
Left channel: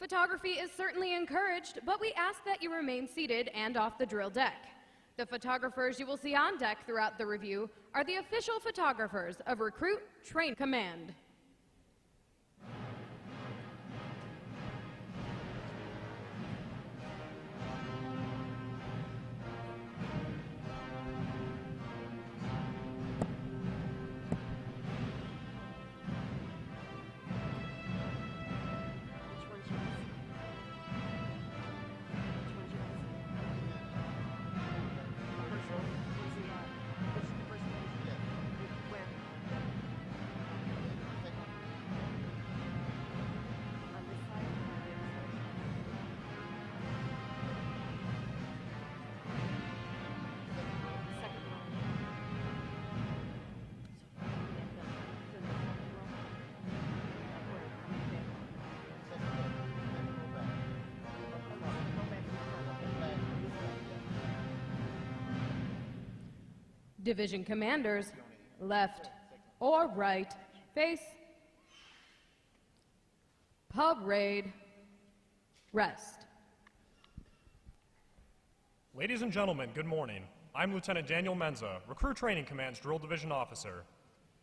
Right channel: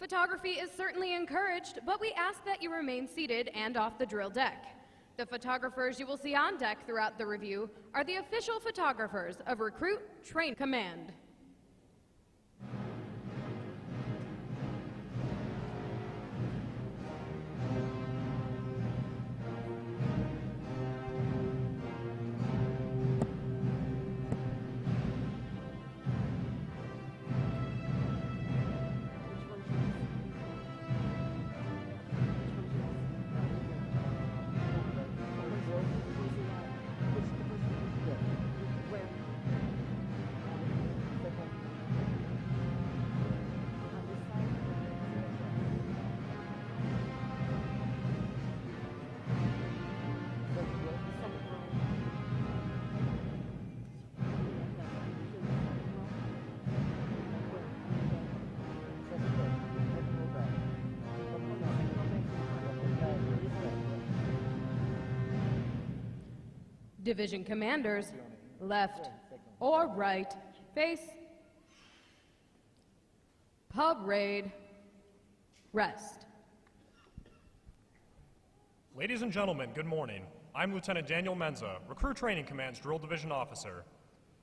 Photography is certainly encouraged, but we ask that you remain seated and off the drill deck. The photographers you will see on deck throughout the review are the official photographers of Recruit Train Command. Division commanders, left or right, face, parade, rest. Ladies and gentlemen, good morning. I'm Lieutenant Daniel Menza, Recruit Training Command's Drill Division Officer.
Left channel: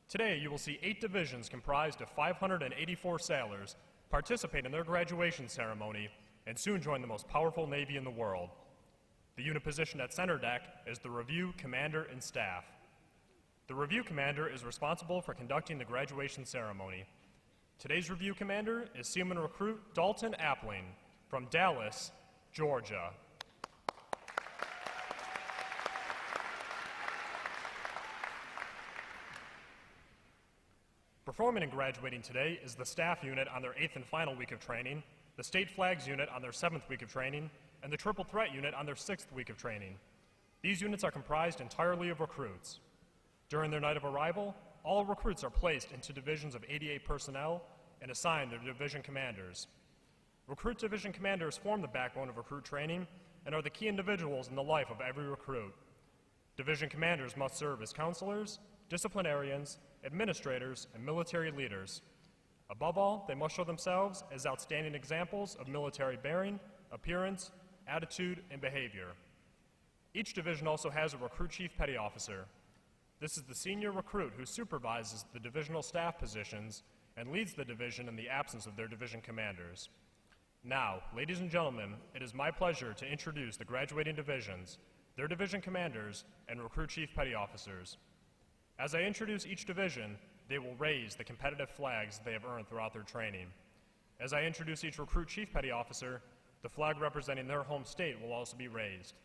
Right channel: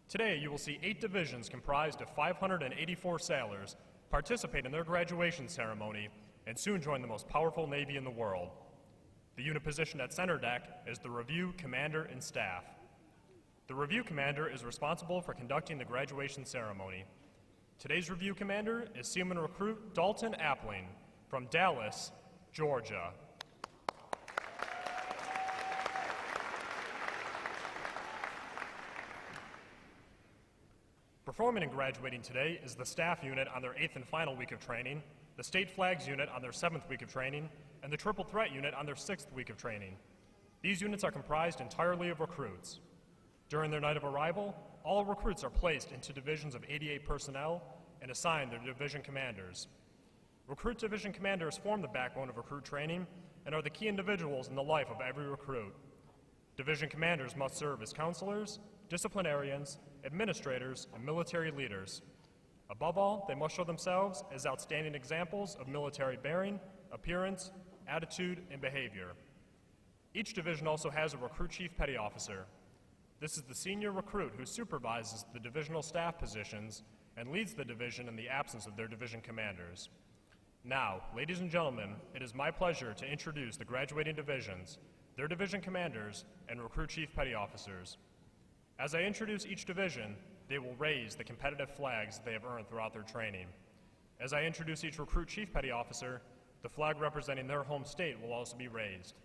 Today, you will see 8 divisions comprised of 584 sailors participate in their graduation ceremony and soon join the most powerful Navy in the world. The unit positioned at center deck is the Review Commander and Staff. The Review Commander is responsible for conducting the graduation ceremony. Today's Review Commander is Seaman Recruit Dalton Appling from Dallas, Georgia. Performing and graduating today is the Staff Unit on their 8th and final week of training, the State Flags Unit on their 7th week of training, and the Triple Threat Unit on their 6th week of training. These units are comprised entirely of recruits. During their night of arrival, all recruits are placed into divisions of 88 personnel and assigned their division commanders. Recruit division commanders form the backbone of recruit training and are the key individuals in the life of every recruit. Division commanders must serve as counselors, disciplinarians, administrators, and military leaders. Above all, they must show themselves as outstanding examples of military bearing, appearance, attitude, and behavior. Each division also has a recruit chief petty officer. This is the senior recruit who supervises the divisional staff positions and leads the division in the absence of their division commanders. Now, ladies and gentlemen, it is my pleasure to introduce the graduating divisions, their division commanders, and recruit chief petty officers. As I introduce each division, they will raise the competitive flags they have earned throughout their training. As I introduce each recruit chief petty officer, the flag representing their home state will also be raised.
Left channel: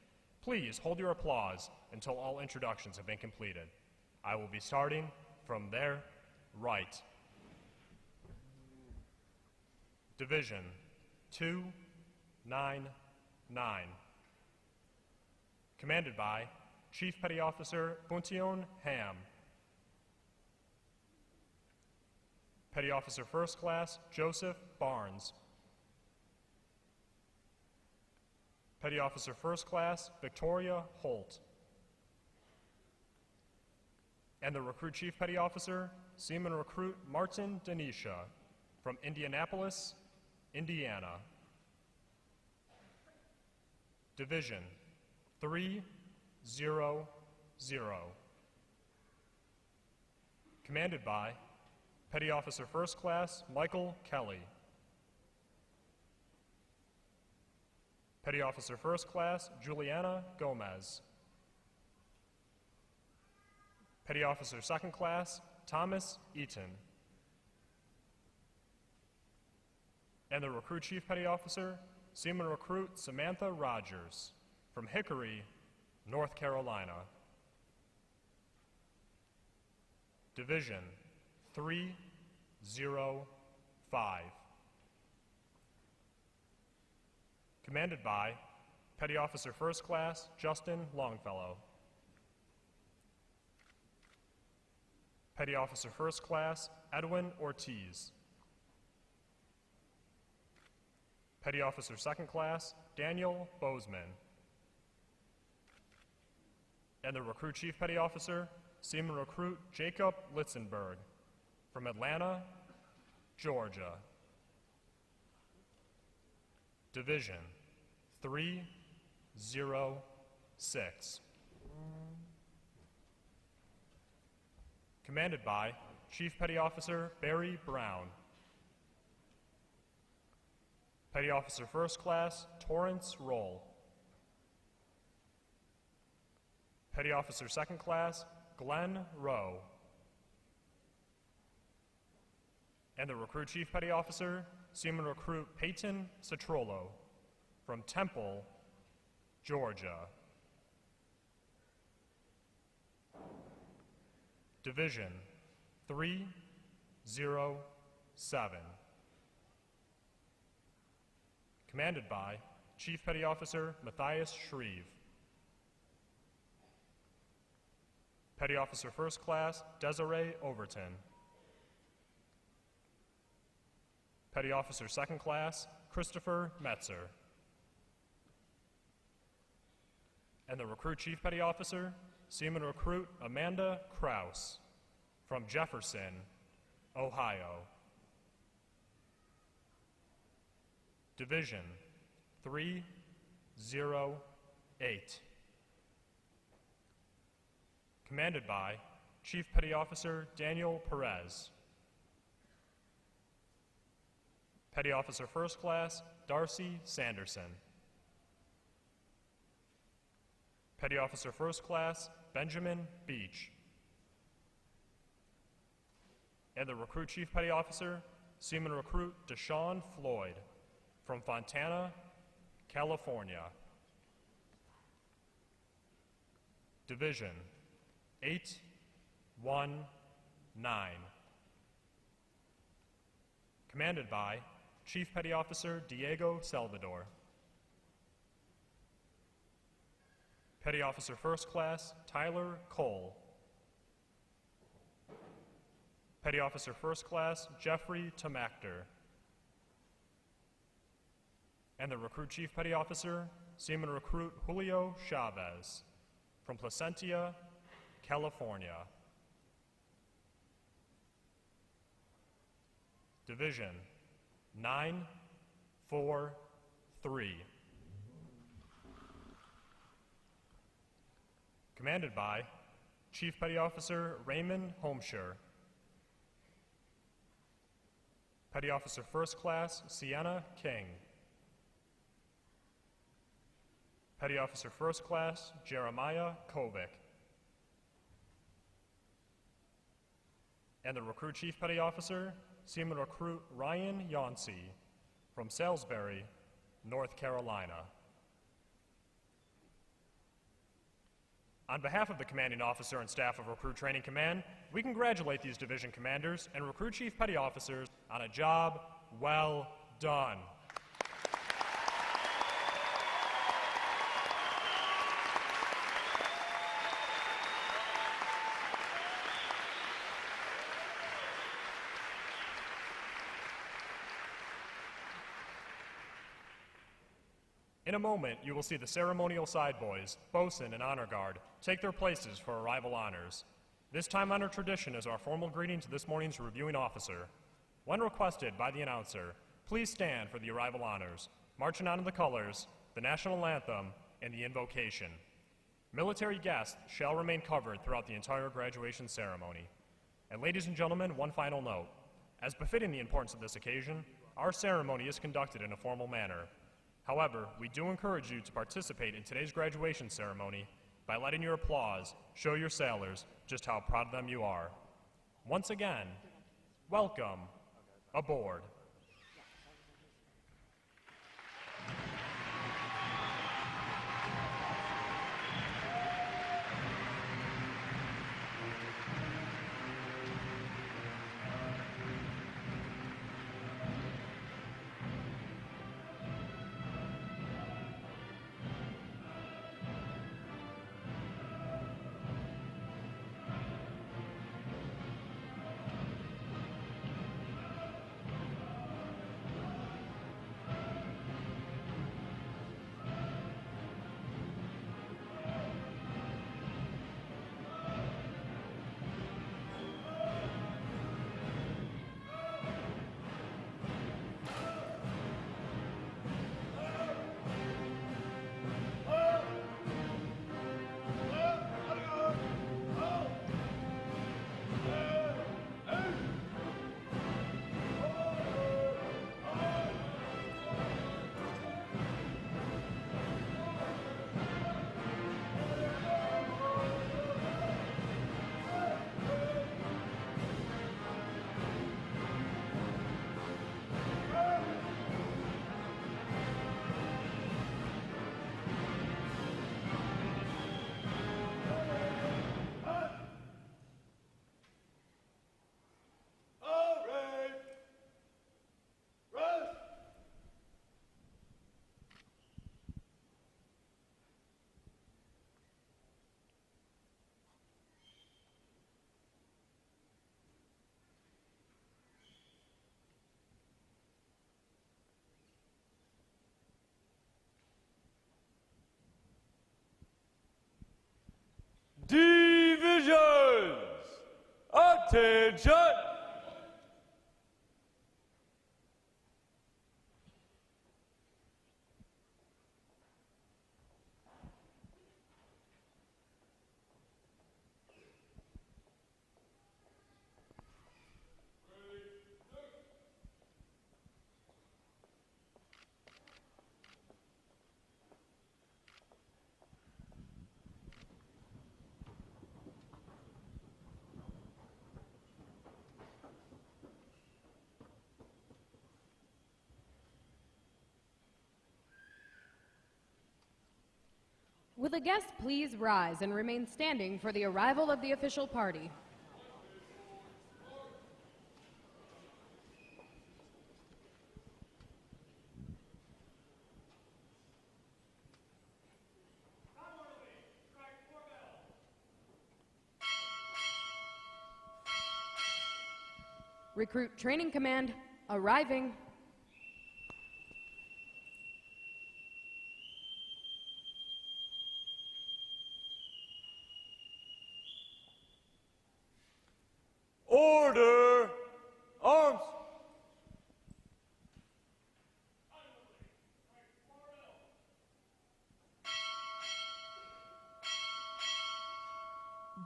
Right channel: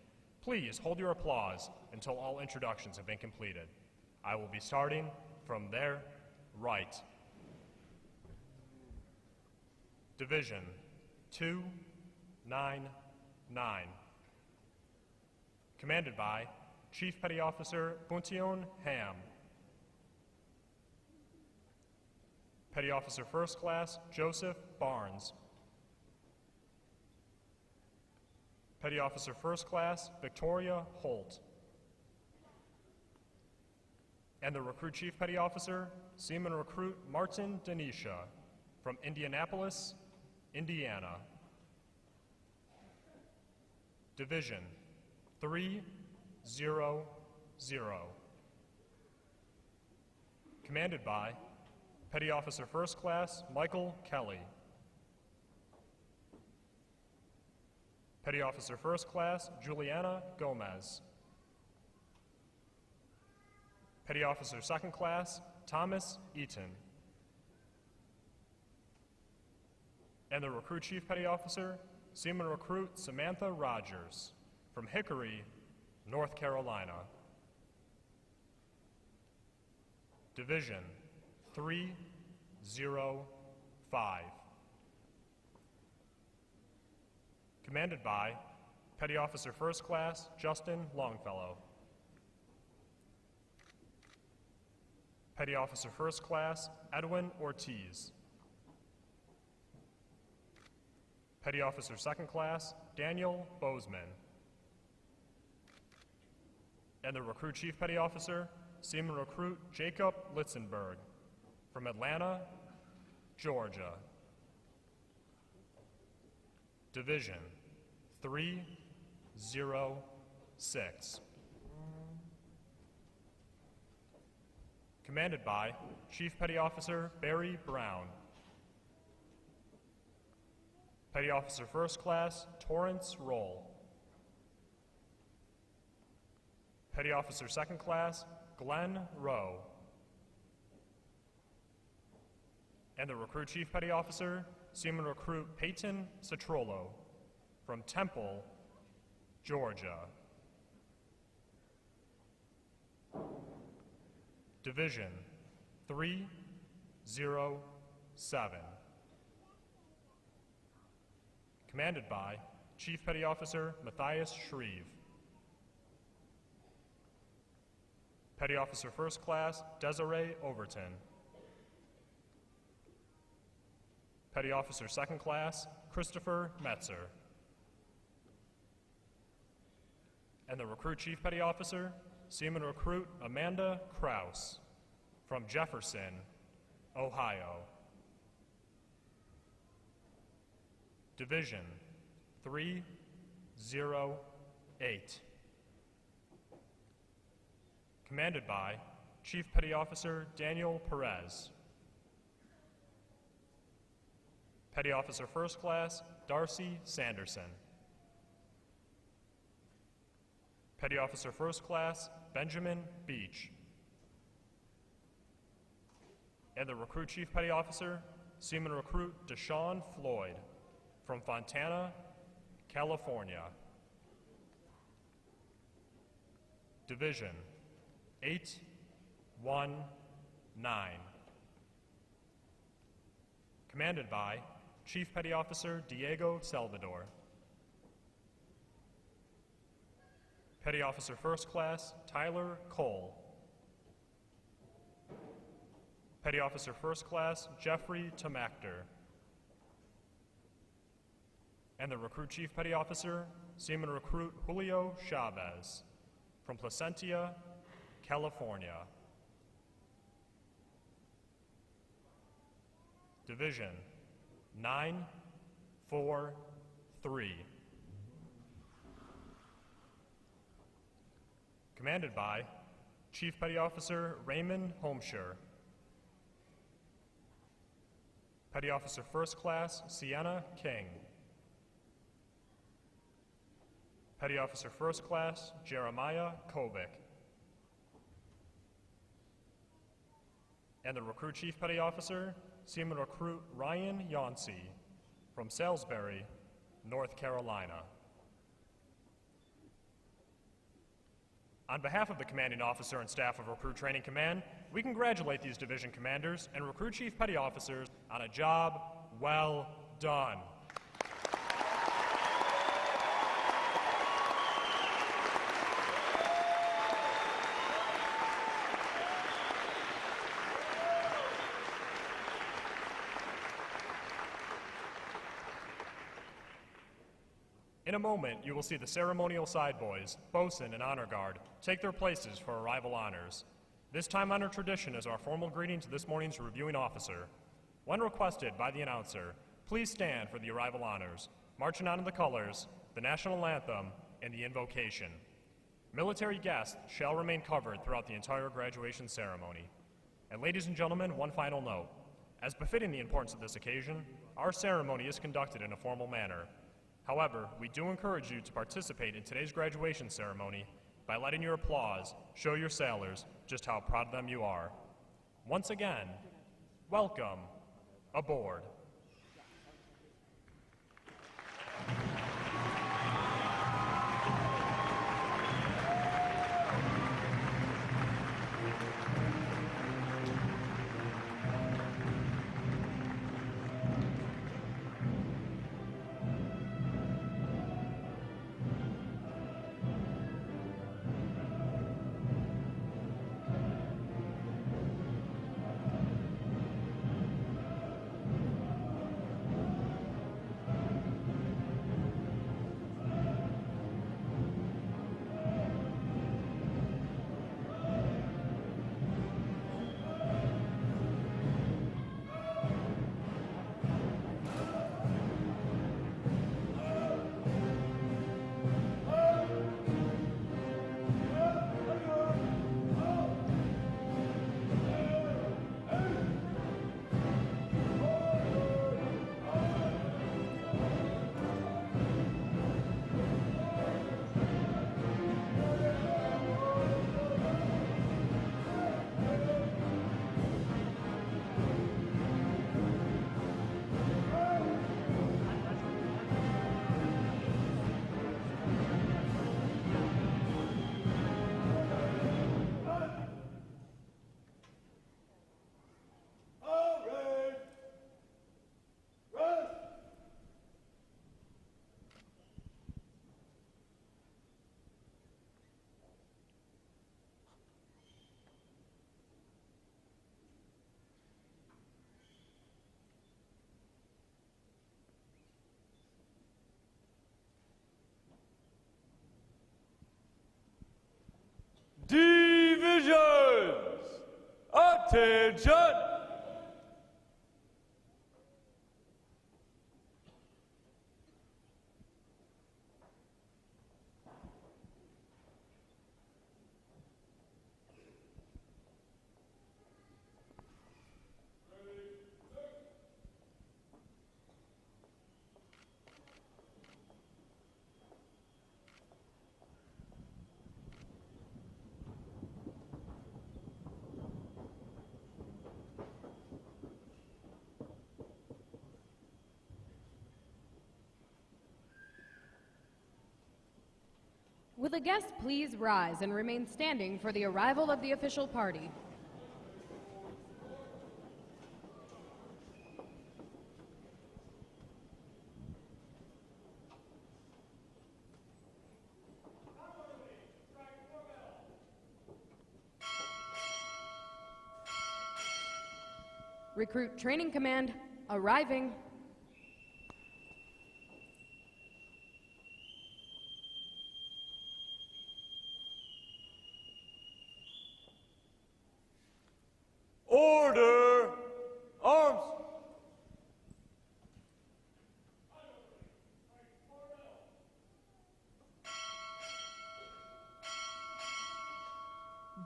Please hold your applause until all introductions have been completed. I will be starting from their right. Division 299. Commanded by Chief Petty Officer Buntion Ham. Petty Officer First Class Joseph Barnes. Petty Officer First Class Victoria Holt. And the Recruit Chief Petty Officer, Seaman Recruit Martin Denisha from Indianapolis, Indiana. Division 300. Commanded by Petty Officer First Class Michael Kelly. Petty Officer First Class Juliana Gomez. Petty Officer Second Class Thomas Eaton. And the Recruit Chief Petty Officer, Seaman Recruit Samantha Rogers from Hickory, North Carolina. Division 305. Commanded by Petty Officer First Class Justin Longfellow. Petty Officer First Class Edwin Ortiz. Petty Officer Second Class Daniel Bozeman. And the Recruit Chief Petty Officer, Seaman Recruit Jacob Litzenberg from Atlanta, Georgia. Division 306. Commanded by Chief Petty Officer Barry Brown. Petty Officer First Class Torrance Roll. Petty Officer Second Class Glenn Rowe. And the Recruit Chief Petty Officer, Seaman Recruit Peyton Citrolo from Temple, Georgia. Division 307. Commanded by Chief Petty Officer Matthias Shreve. Petty Officer First Class Desiree Overton. Petty Officer Second Class Christopher Metzer. And the Recruit Chief Petty Officer, Seaman Recruit Amanda Krause from Jefferson, Ohio. Division 308. Commanded by Chief Petty Officer Daniel Perez. Petty Officer First Class Darcy Sanderson. Petty Officer First Class Benjamin Beach. And the Recruit Chief Petty Officer, Seaman Recruit Deshaun Floyd from Fontana, California. Division 819. Commanded by Chief Petty Officer Diego Salvador. Petty Officer First Class Tyler Cole. Petty Officer First Class Jeffrey Tomachter. And the Recruit Chief Petty Officer, Seaman Recruit Julio Chavez from Placentia, California. Division 943. Commanded by Chief Petty Officer Raymond Homeshire. Petty Officer First Class Sienna King. Petty Officer First Class Jeremiah Kovic. and the Recruit Chief Petty Officer, Seaman Recruit Ryan Yancey from Salisbury, North Carolina. On behalf of the Commanding Officer and staff of Recruit Training Command, we congratulate these division commanders and Recruit Chief Petty Officers on a job well done. In a moment, you will see the ceremonial side boys, bosun and honor guard, take their places for arrival honors. This time-honored tradition is our formal greeting to this morning's reviewing officer. When requested by the announcer, please stand for the arrival honors, marching on to the colors, the national anthem, and the invocation. Military guests shall remain covered throughout the entire graduation ceremony. And ladies and gentlemen, one final note. As befitting the importance of this occasion, our ceremony is conducted in a formal manner. However, we do encourage you to participate in today's graduation ceremony by letting your applause show your sailors just how proud of them you are. Once again, welcome aboard. Divisions, attention! Will the guests please rise and remain standing for the arrival of the official party? Recruit Training Command, arriving. Order, arms!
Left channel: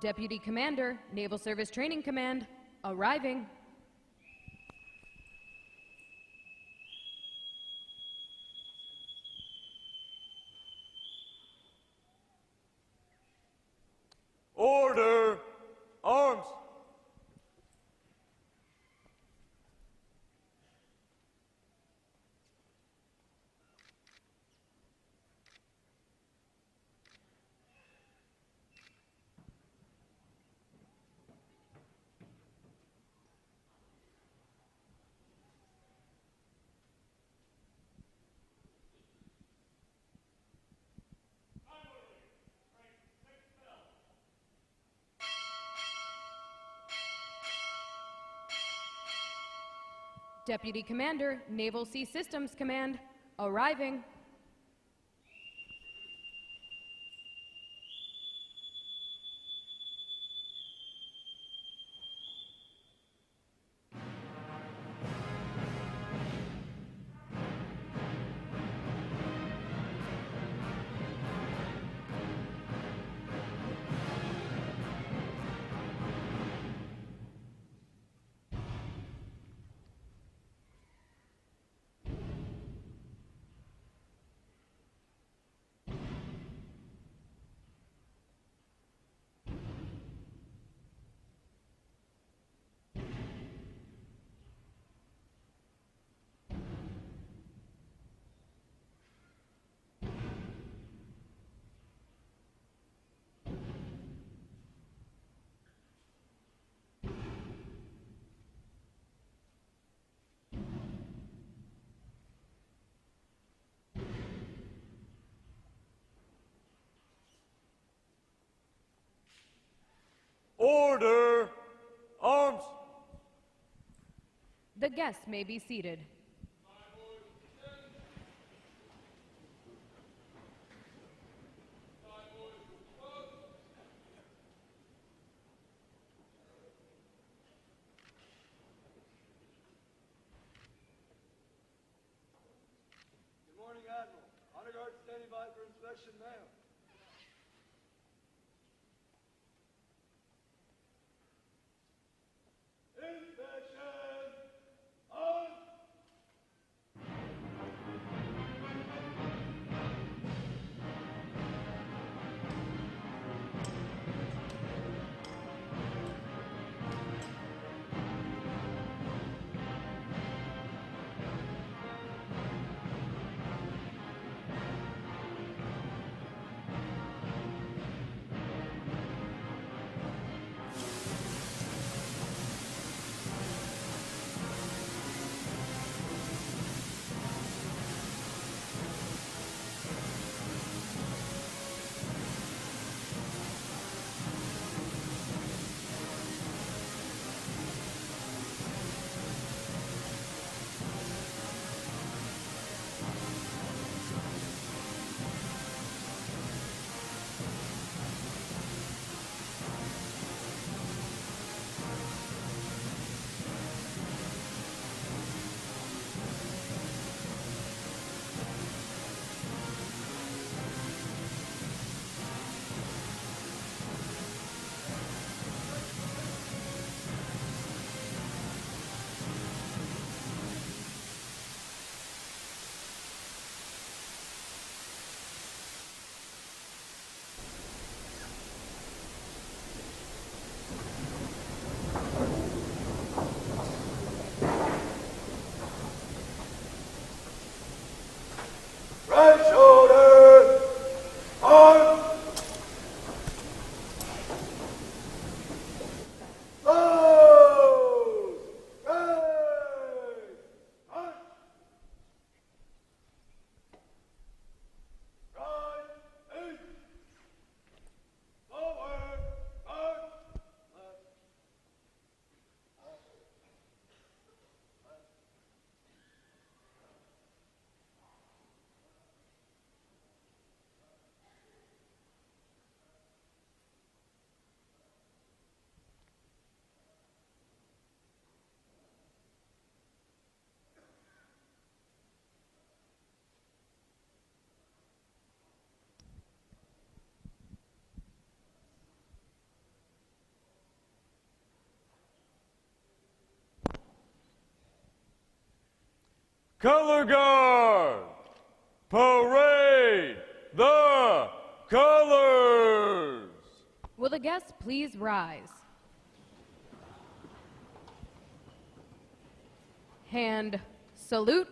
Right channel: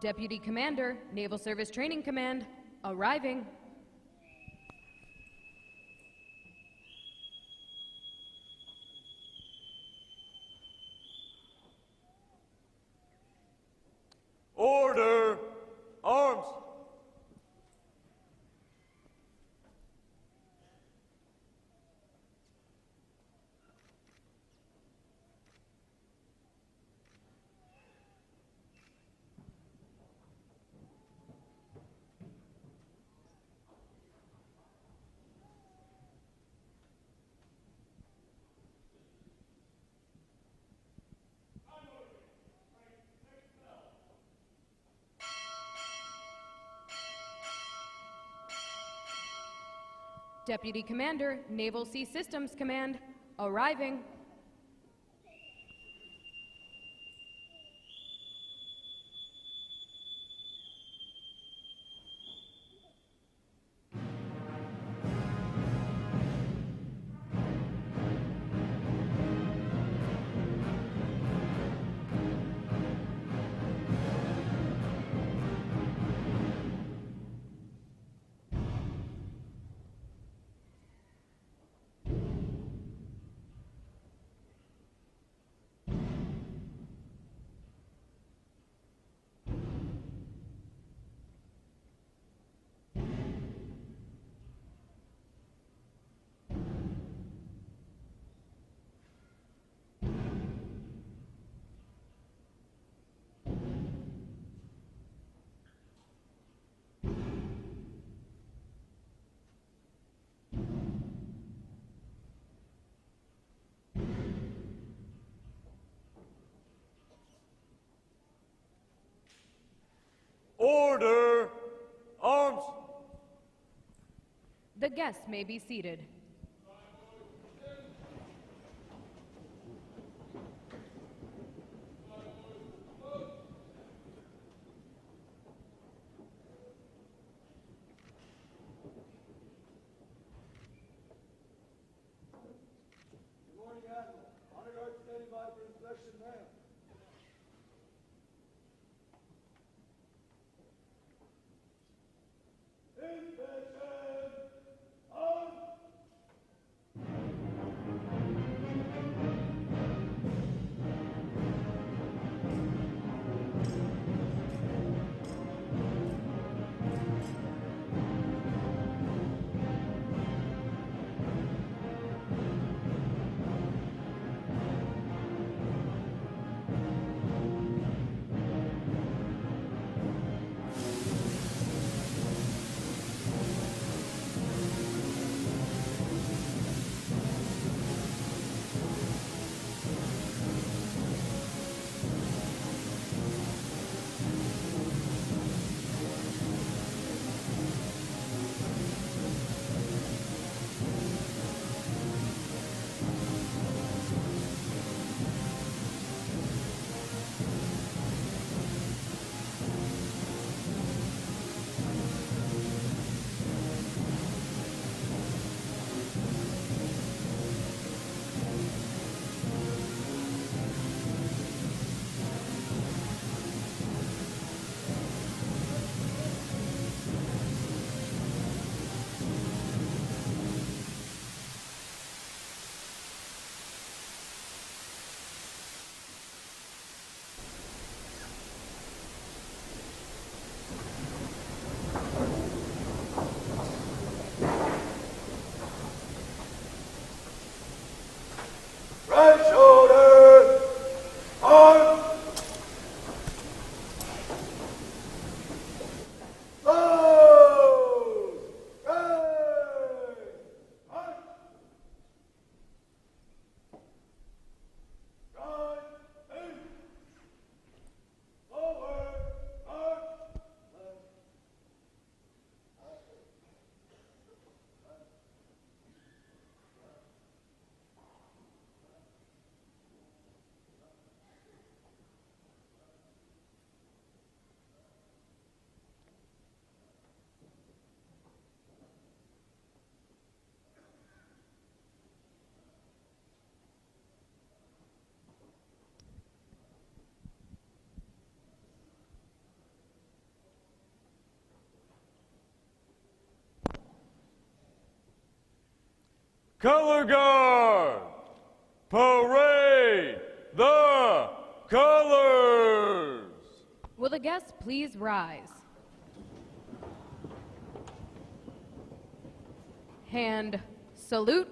Deputy Commander, Naval Service Training Command, arriving. Order, arms! Deputy Commander, Naval Sea Systems Command, arriving. Order! Arms! The guests may be seated. Good morning, Admiral. Honor guard standing by for inspection now. Inspection! On! Right shoulder! On! Close! Right! On! Right! Eight! Forward! March! Color guard! Parade the colors! Will the guests please rise? Hand salute.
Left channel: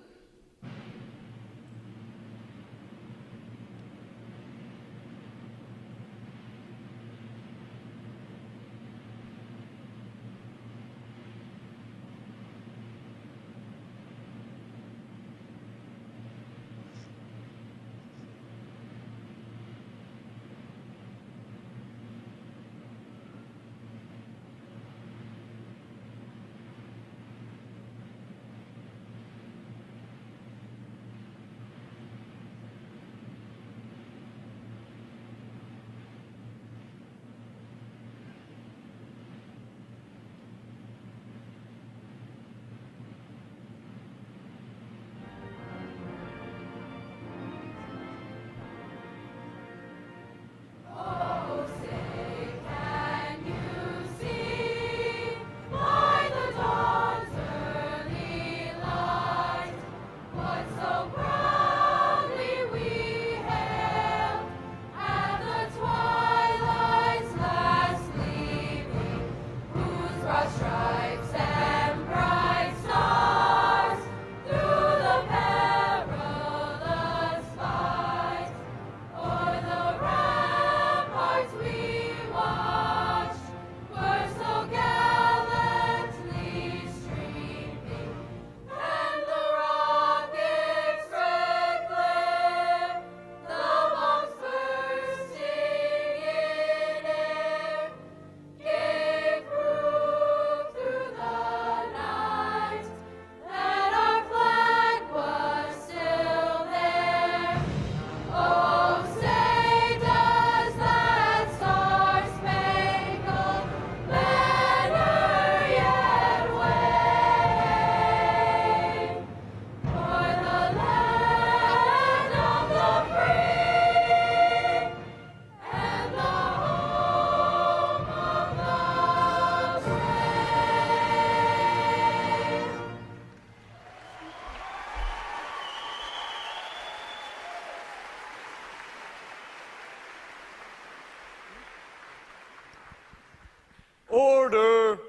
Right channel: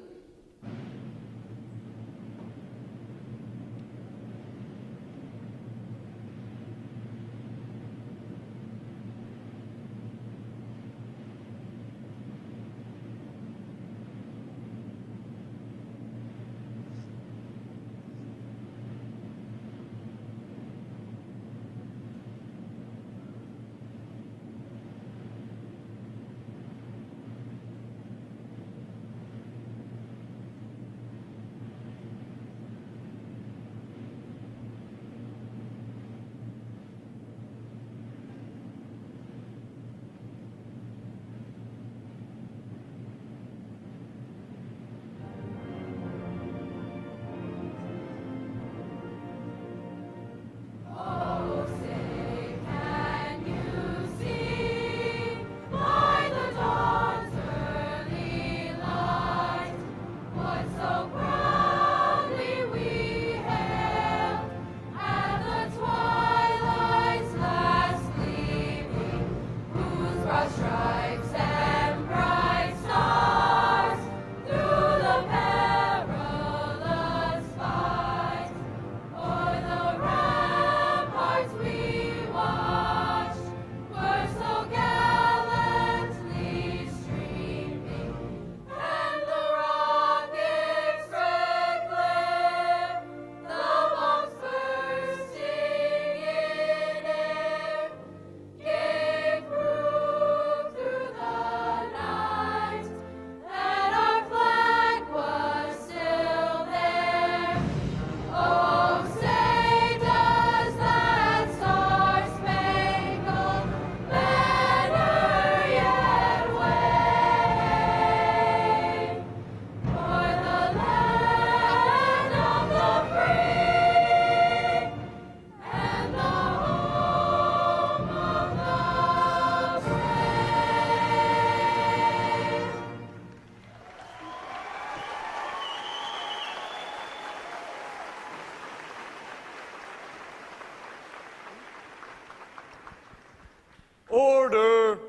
Order.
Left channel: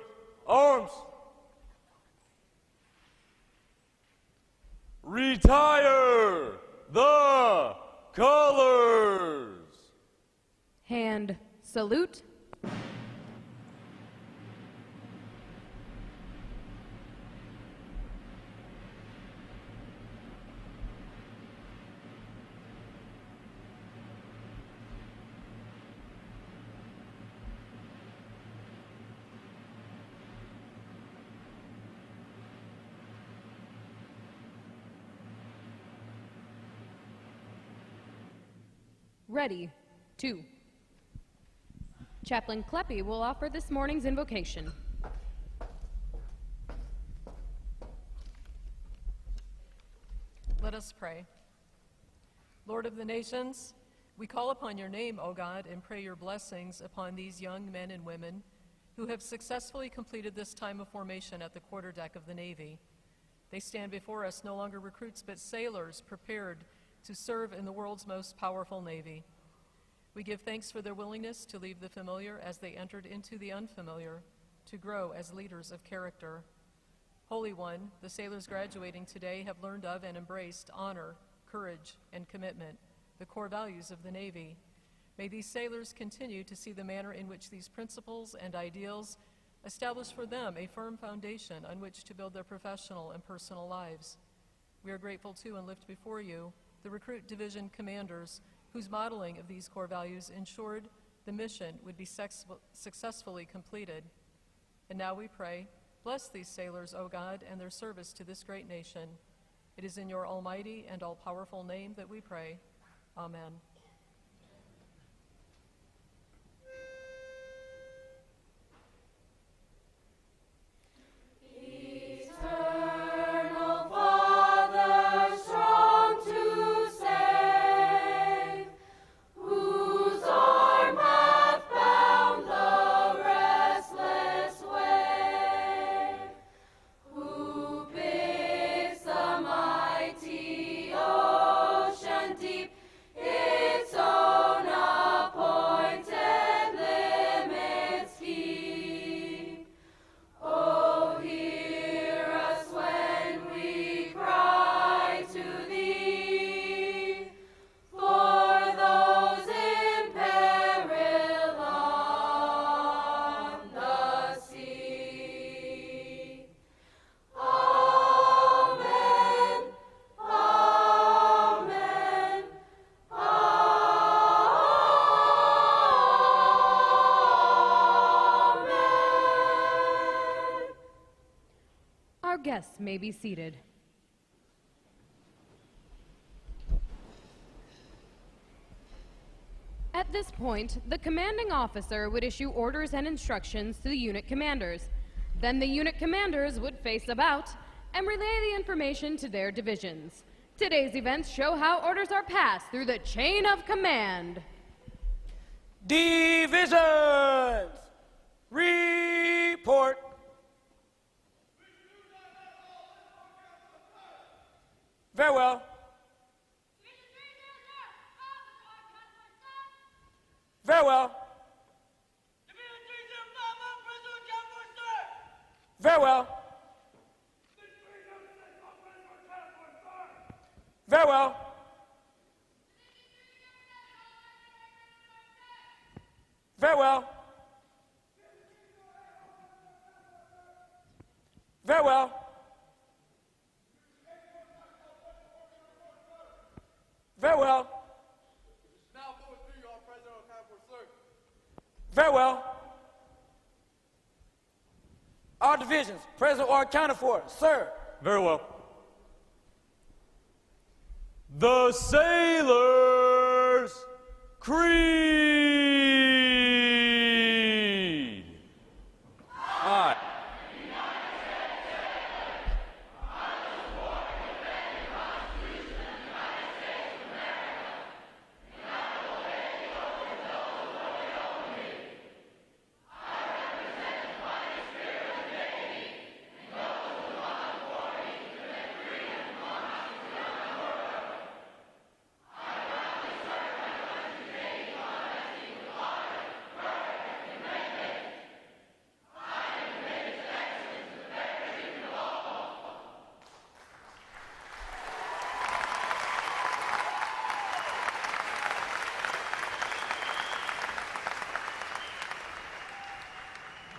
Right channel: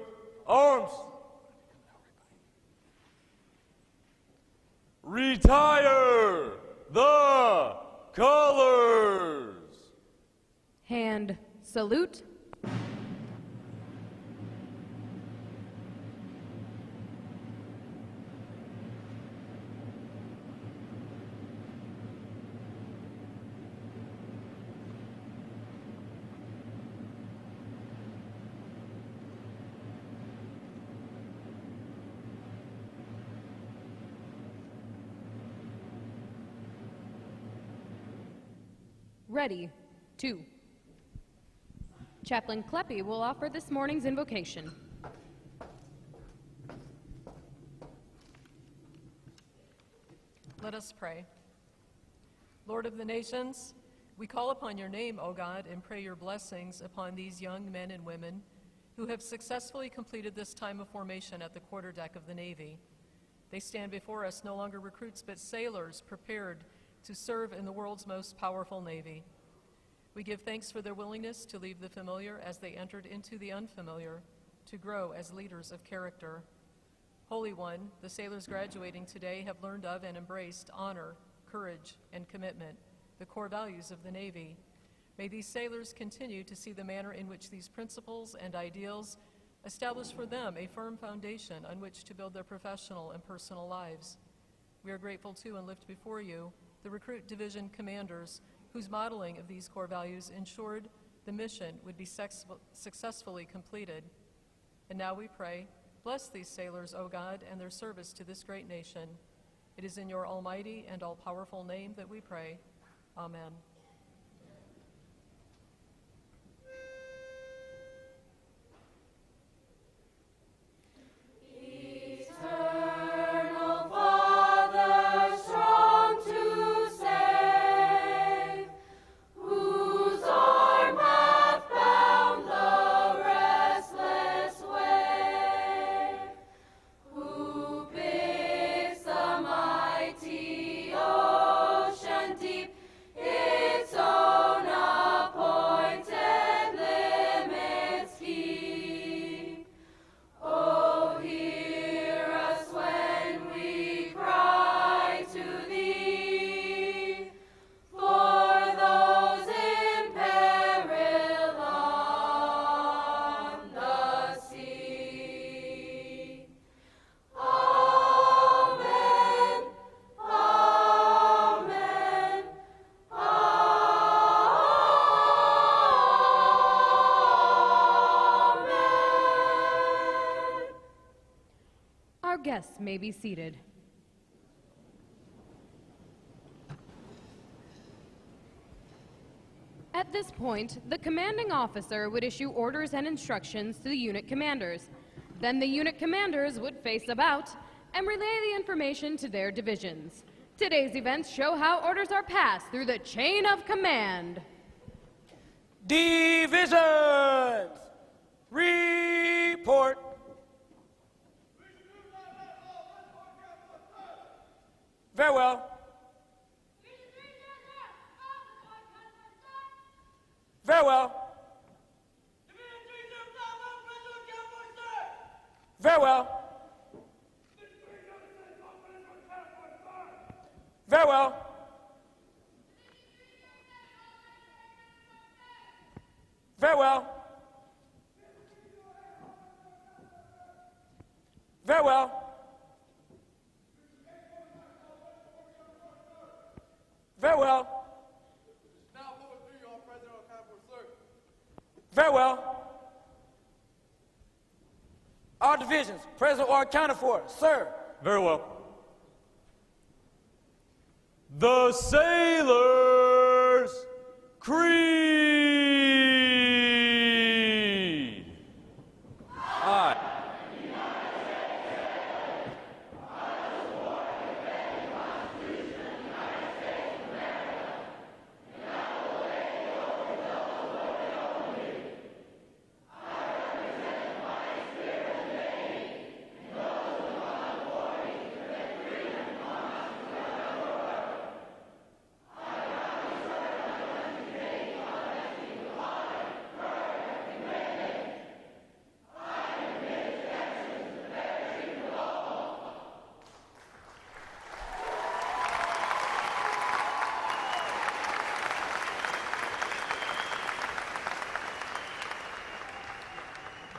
Arms. Retire the colors. Hand salute. Ready, 2. Chaplain Kleppy will offer this morning's invocation. Let us pray. Lord of the nations, we call upon your name, O God, and pray your blessings upon these young men and women who have successfully completed this time of formation at the quarterdeck of the Navy. They stand before us no longer recruits but sailors prepared to serve in the world's most powerful Navy. We give thanks for their willingness to leave the familiar as they entered into the unfamiliar, to grow as leaders of character. Holy One, the sailors graduating today have learned of and embraced honor, courage, and commitment, the core values of the Navy. May these sailors continue to see the manner in which these principles and ideals establish for them a firm foundation on which to build their professional and personal lives. We are grateful to and lift before you the recruit division commanders whose modeling of these core values ensured the mission would be successfully completed. And now we pray, bless these sailors, O God, and their service to this great nation. It is in your almighty and all-powerful name that we pray. Amen. Guests may be seated. At this point, the commanding officer would issue orders and instructions to the unit commanders. Then the unit commanders would face about and relay the information to their divisions. Today's events show how orders are passed through the chain of command. Divisions! Report! Very well. Very well. Very well. Very well. Very well. Very well. Very well. Very well. All divisions, present or accounted for, sir. Very well. The Sailors' Creed. I.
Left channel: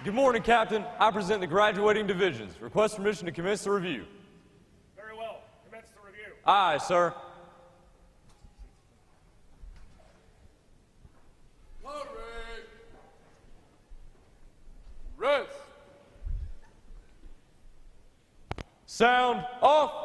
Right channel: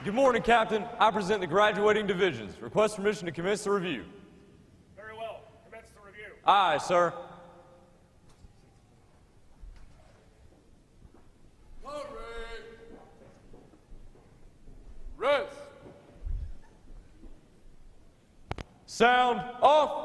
Good morning, Captain. I present the graduating divisions. Request permission to commence the review. Very well. Commence the review. Aye, sir. Rest. Sound off.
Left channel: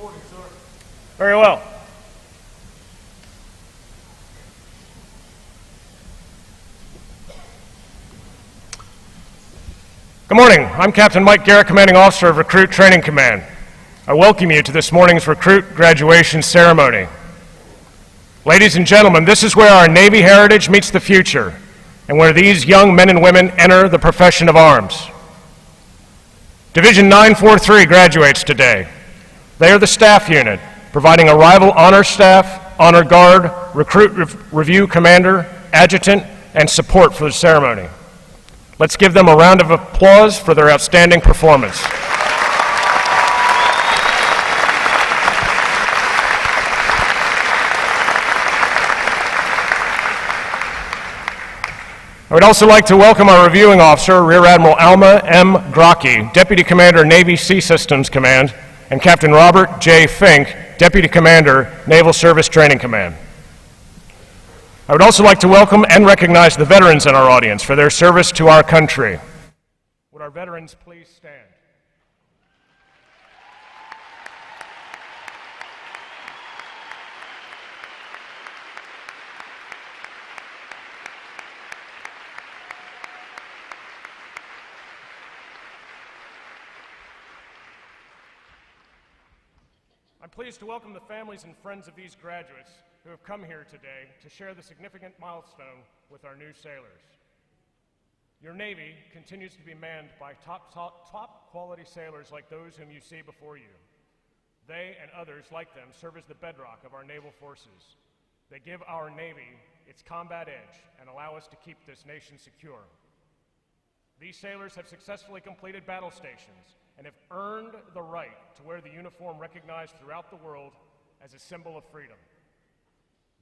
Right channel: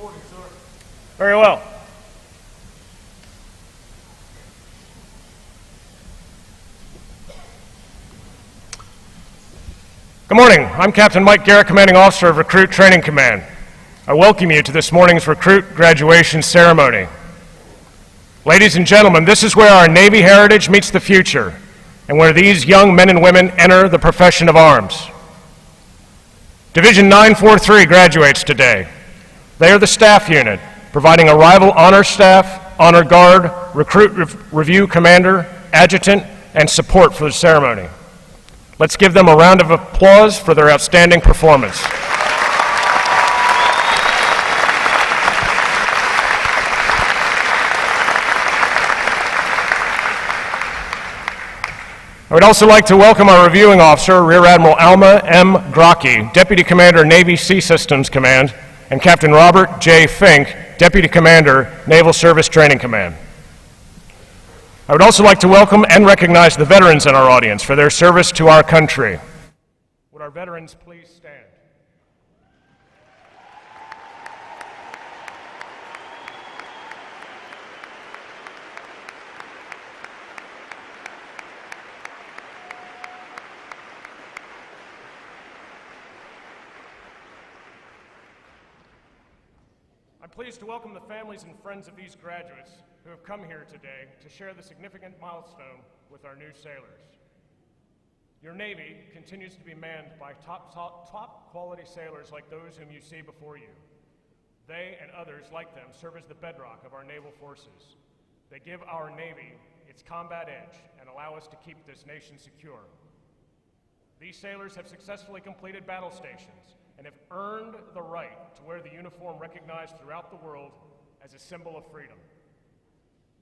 Reporting, sir. Very well. Good morning. I'm Captain Mike Garrett, Commanding Officer of Recruit Training Command. I welcome you to this morning's recruit graduation ceremony. Ladies and gentlemen, this is where our Navy heritage meets the future, and where these young men and women enter the profession of arms. Division 943 graduates today. They are the staff unit, providing arrival honor staff, honor guard, recruit review commander, adjutant, and support for the ceremony. Let's give them a round of applause for their outstanding performance. I would also like to welcome our reviewing officer, Rear Admiral Alma M. Grocki, Deputy Commander, Navy Sea Systems Command, and Captain Robert J. Fink, Deputy Commander, Naval Service Training Command. I would also like to welcome and recognize the veterans in our audience for their service to our country. Would our veterans please stand? I'm pleased to welcome the families and friends of these graduates who have come here today to share the significant milestone with our new sailors. Your Navy continues to be manned by top quality sailors like those whom you see before you. They and others like them serve as the bedrock of our naval forces. They give our Navy its combat edge and allow us to keep this nation secure. These sailors have successfully completed battle stations and have earned the right to wear the uniform recognized throughout the world as a symbol of freedom.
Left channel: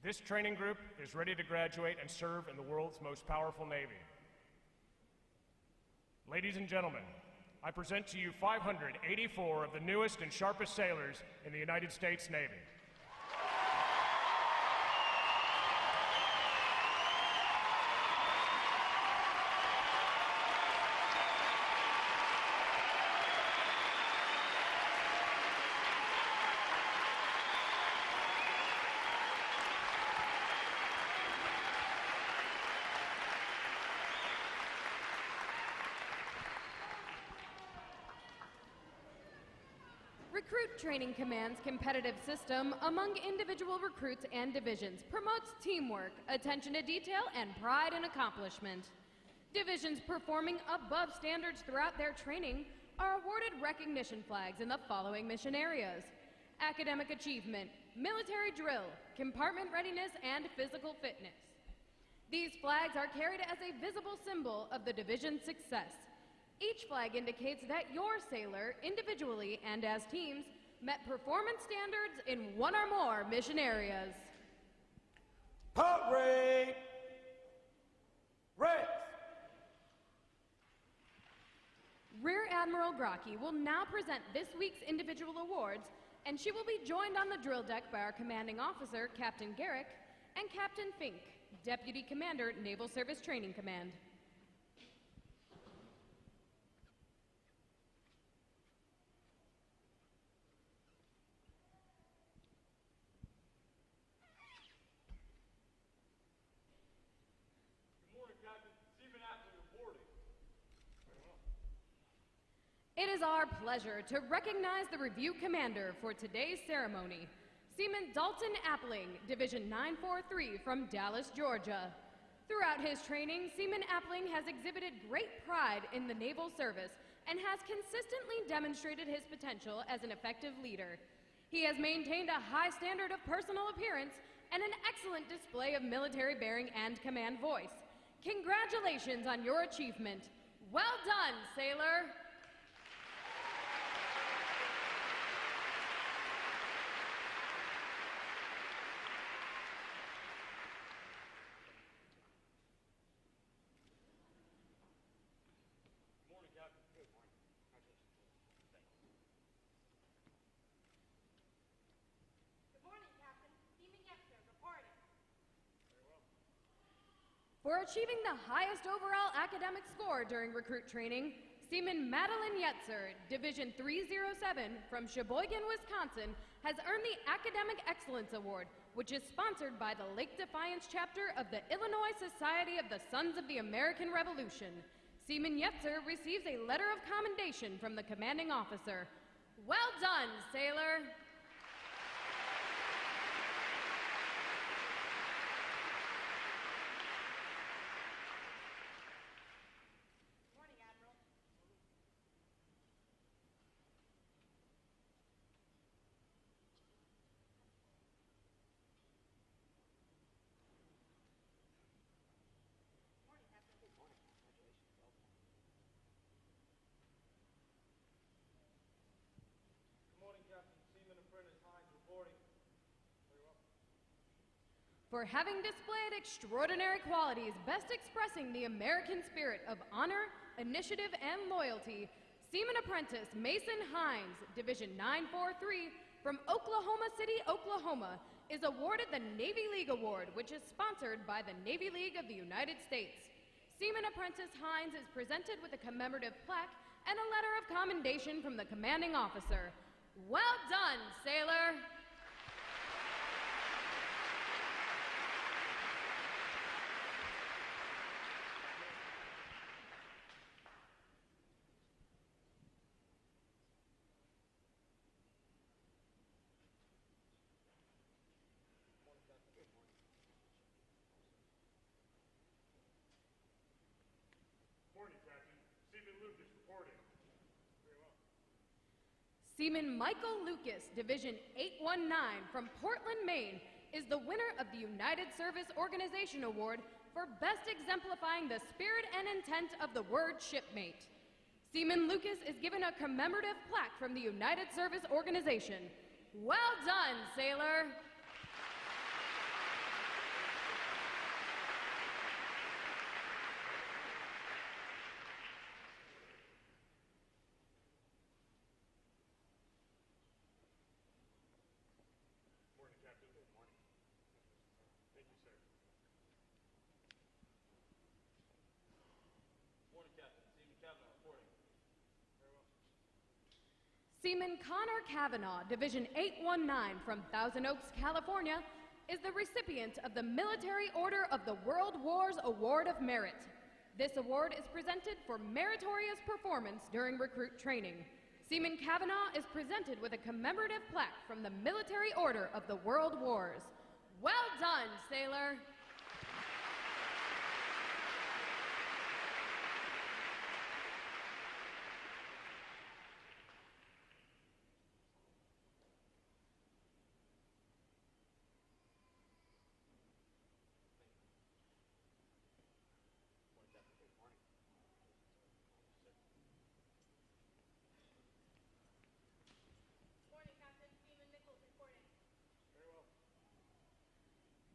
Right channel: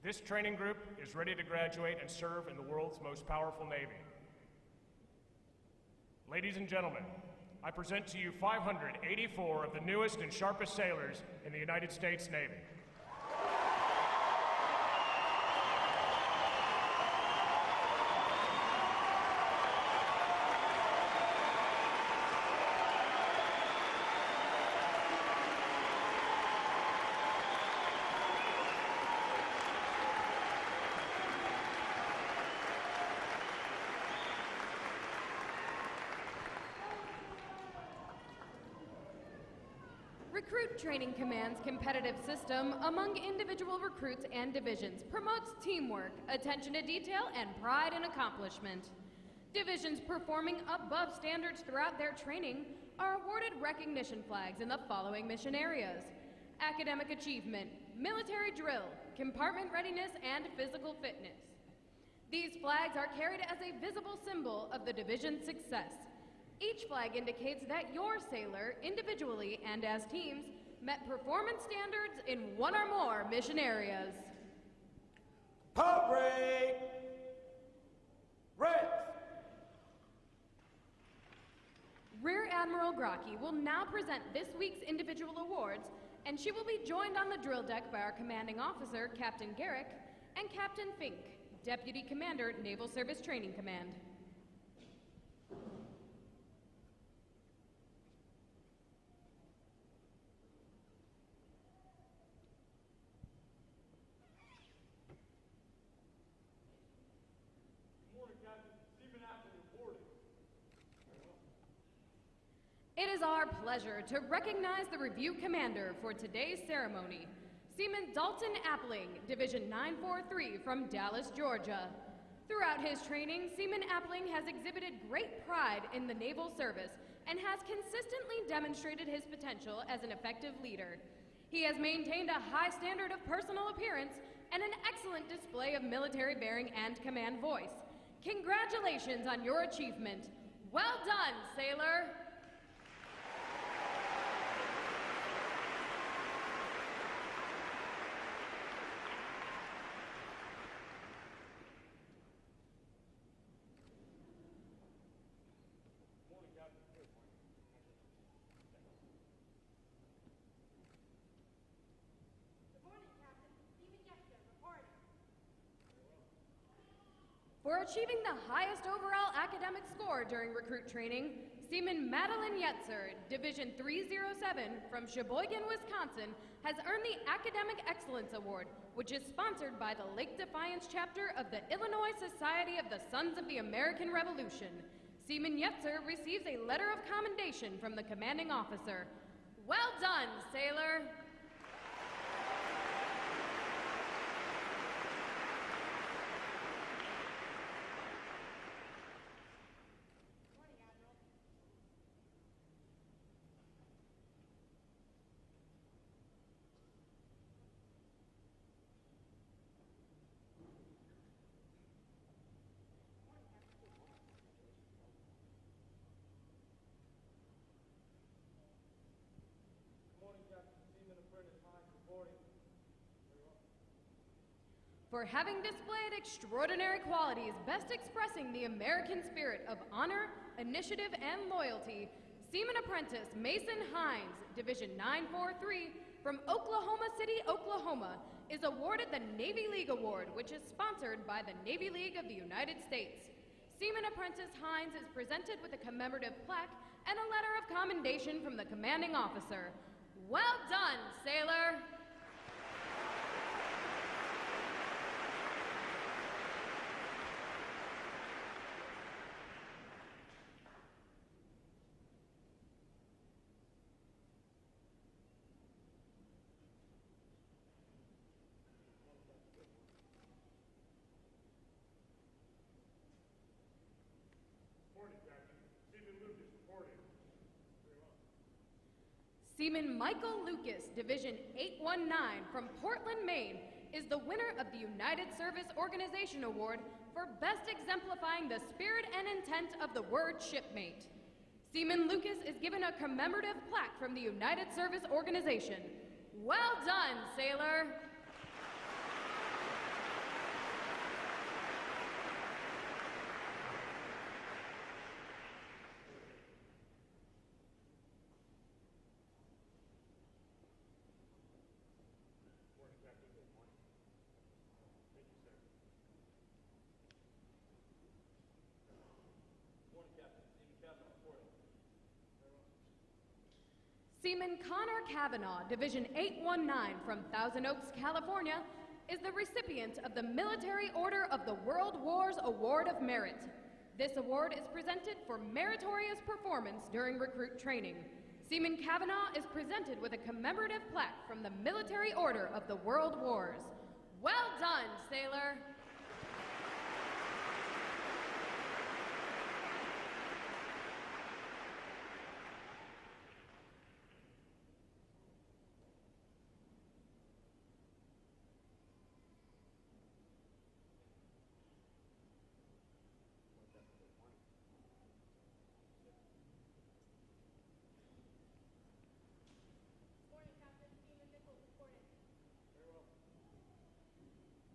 This training group is ready to graduate and serve in the world's most powerful Navy. Ladies and gentlemen, I present to you 584 of the newest and sharpest sailors in the United States Navy. Recruit Training Command's competitive system among individual recruits and divisions promotes teamwork, attention to detail, and pride in accomplishment. Divisions performing above standards throughout their training are awarded recognition flags in the following mission areas: academic achievement, military drill, compartment readiness, and physical fitness. These flags are carried as a visible symbol of the division's success. Each flag indicates that your sailor, individually and as teams, met performance standards in one or more mission areas. Pop rate. Red. Rear Admiral Grocki will now present this week's individual awards, and she will be joined on the drill deck by our commanding officer, Captain Garrick, and Captain Fink, Deputy Commander, Naval Service Training Command. It is our pleasure to recognize the Review Commander for today's ceremony, Seaman Dalton Appling, Division 943 from Dallas, Georgia. Throughout his training, Seaman Appling has exhibited great pride in the naval service and has consistently demonstrated his potential as an effective leader. He has maintained a high standard of personal appearance and an excellent display of military bearing and command voice. Congratulations on your achievement. Well done, sailor. For achieving the highest overall academic score during recruit training, Seaman Madeline Yetzer, Division 307 from Sheboygan, Wisconsin, has earned the Academic Excellence Award, which is sponsored by the Lake Defiance chapter of the Illinois Society of the Sons of the American Revolution. Seaman Yetzer receives a letter of commendation from the commanding officer. Well done, sailor! For having displayed extraordinary qualities best expressing the American spirit of honor, initiative, and loyalty, Seaman Apprentice Mason Hines, Division 943 from Oklahoma City, Oklahoma, is awarded the Navy League Award, which is sponsored by the Navy League of the United States. Seaman Apprentice Hines is presented with a commemorative plaque and a letter of commendation from the commanding officer. Well done, sailor! Seaman Michael Lucas, Division 819 from Portland, Maine, is the winner of the United Service Organization Award for best exemplifying the spirit and intent of the word shipmate. Seaman Lucas is given a commemorative plaque from the United Service Organization. Well done, sailor! Seaman Connor Kavanaugh, Division 819 from Thousand Oaks, California, is the recipient of the Military Order of the World Wars Award of Merit. This award is presented for meritorious performance during recruit training. Seaman Kavanaugh is presented with a commemorative plaque from the Military Order of the World Wars. Well done, sailor!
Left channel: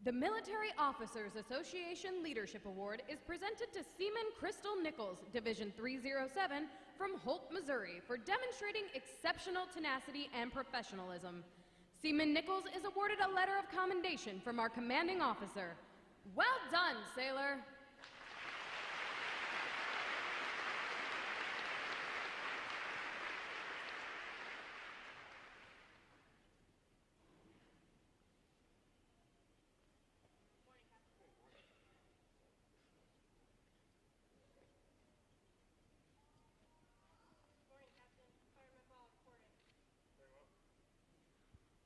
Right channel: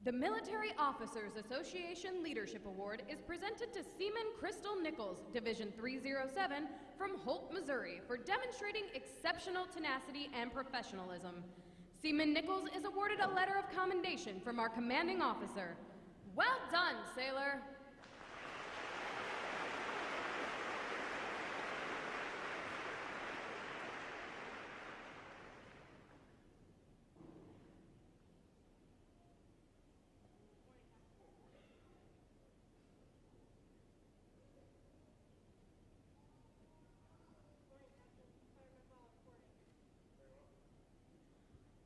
The Military Officers Association Leadership Award is presented to Seaman Crystal Nichols, Division 307 from Holt, Missouri, for demonstrating exceptional tenacity and professionalism. Seaman Nichols is awarded a letter of commendation from our commanding officer. Well done, sailor!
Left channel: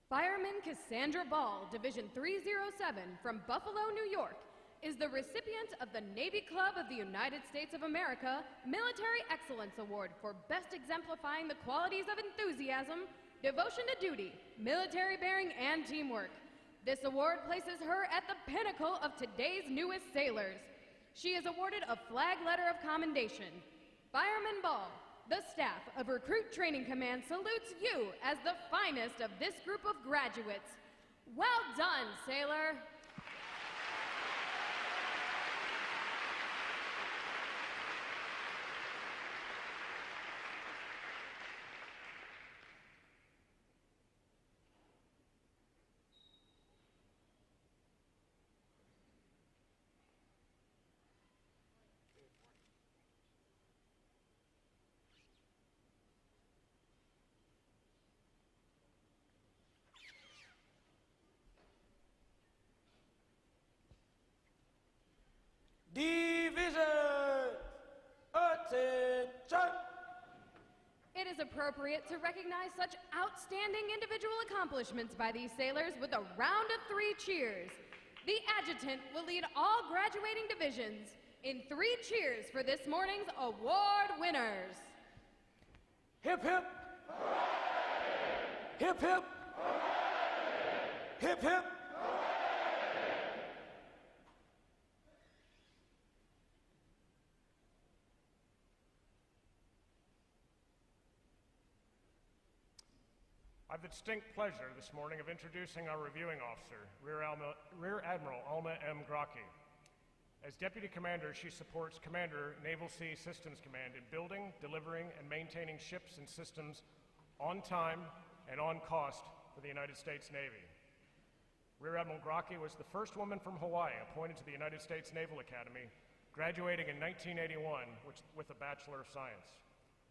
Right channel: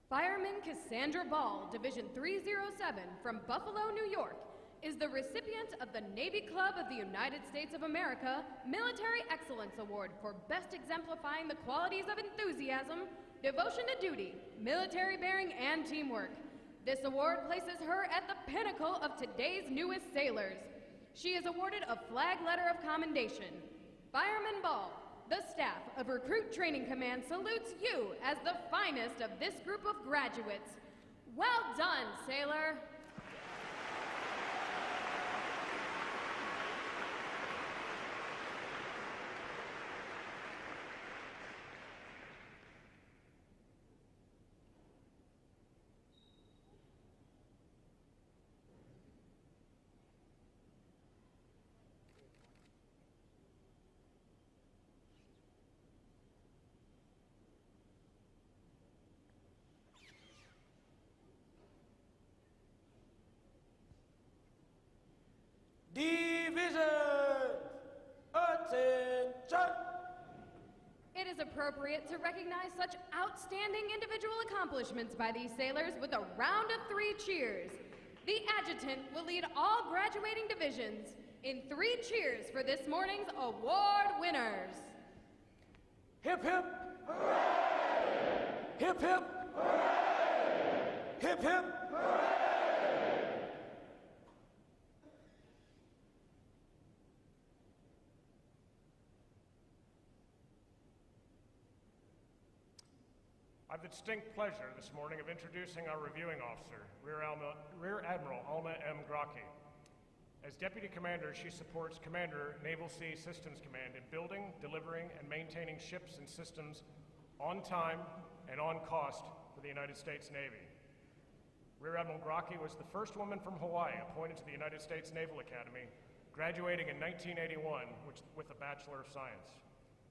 Fireman Cassandra Ball, Division 307 from Buffalo, New York, is the recipient of the Navy Club of the United States of America Military Excellence Award for best exemplifying the qualities of enthusiasm, devotion to duty, military bearing, and teamwork. This award places her at the pinnacle of today's newest sailors. She is awarded a flag letter of commendation. Fireman Ball, the staff of Recruit Training Command salutes you as the finest of this group of graduates. Well done, sailor! is appropriate to recognize such outstanding individual accomplishments by these sailors with a round of 3 cheers. The adjutant will lead all graduating divisions in 3 cheers for this morning's award winners. Hip, hip. Hooray! Hip, hip. Hooray! Hip, hip. I have the distinct pleasure this morning of introducing our reviewing officer, Rear Admiral Alma M. Grocki. As Deputy Commander, she supports Commander, Naval Sea Systems Command in building, delivering, and maintaining ships and systems on time and on cost for the United States Navy. Rear Admiral Grocki was the first woman from Hawaii appointed to the United States Naval Academy, graduating in 1981 with a Bachelor of Science.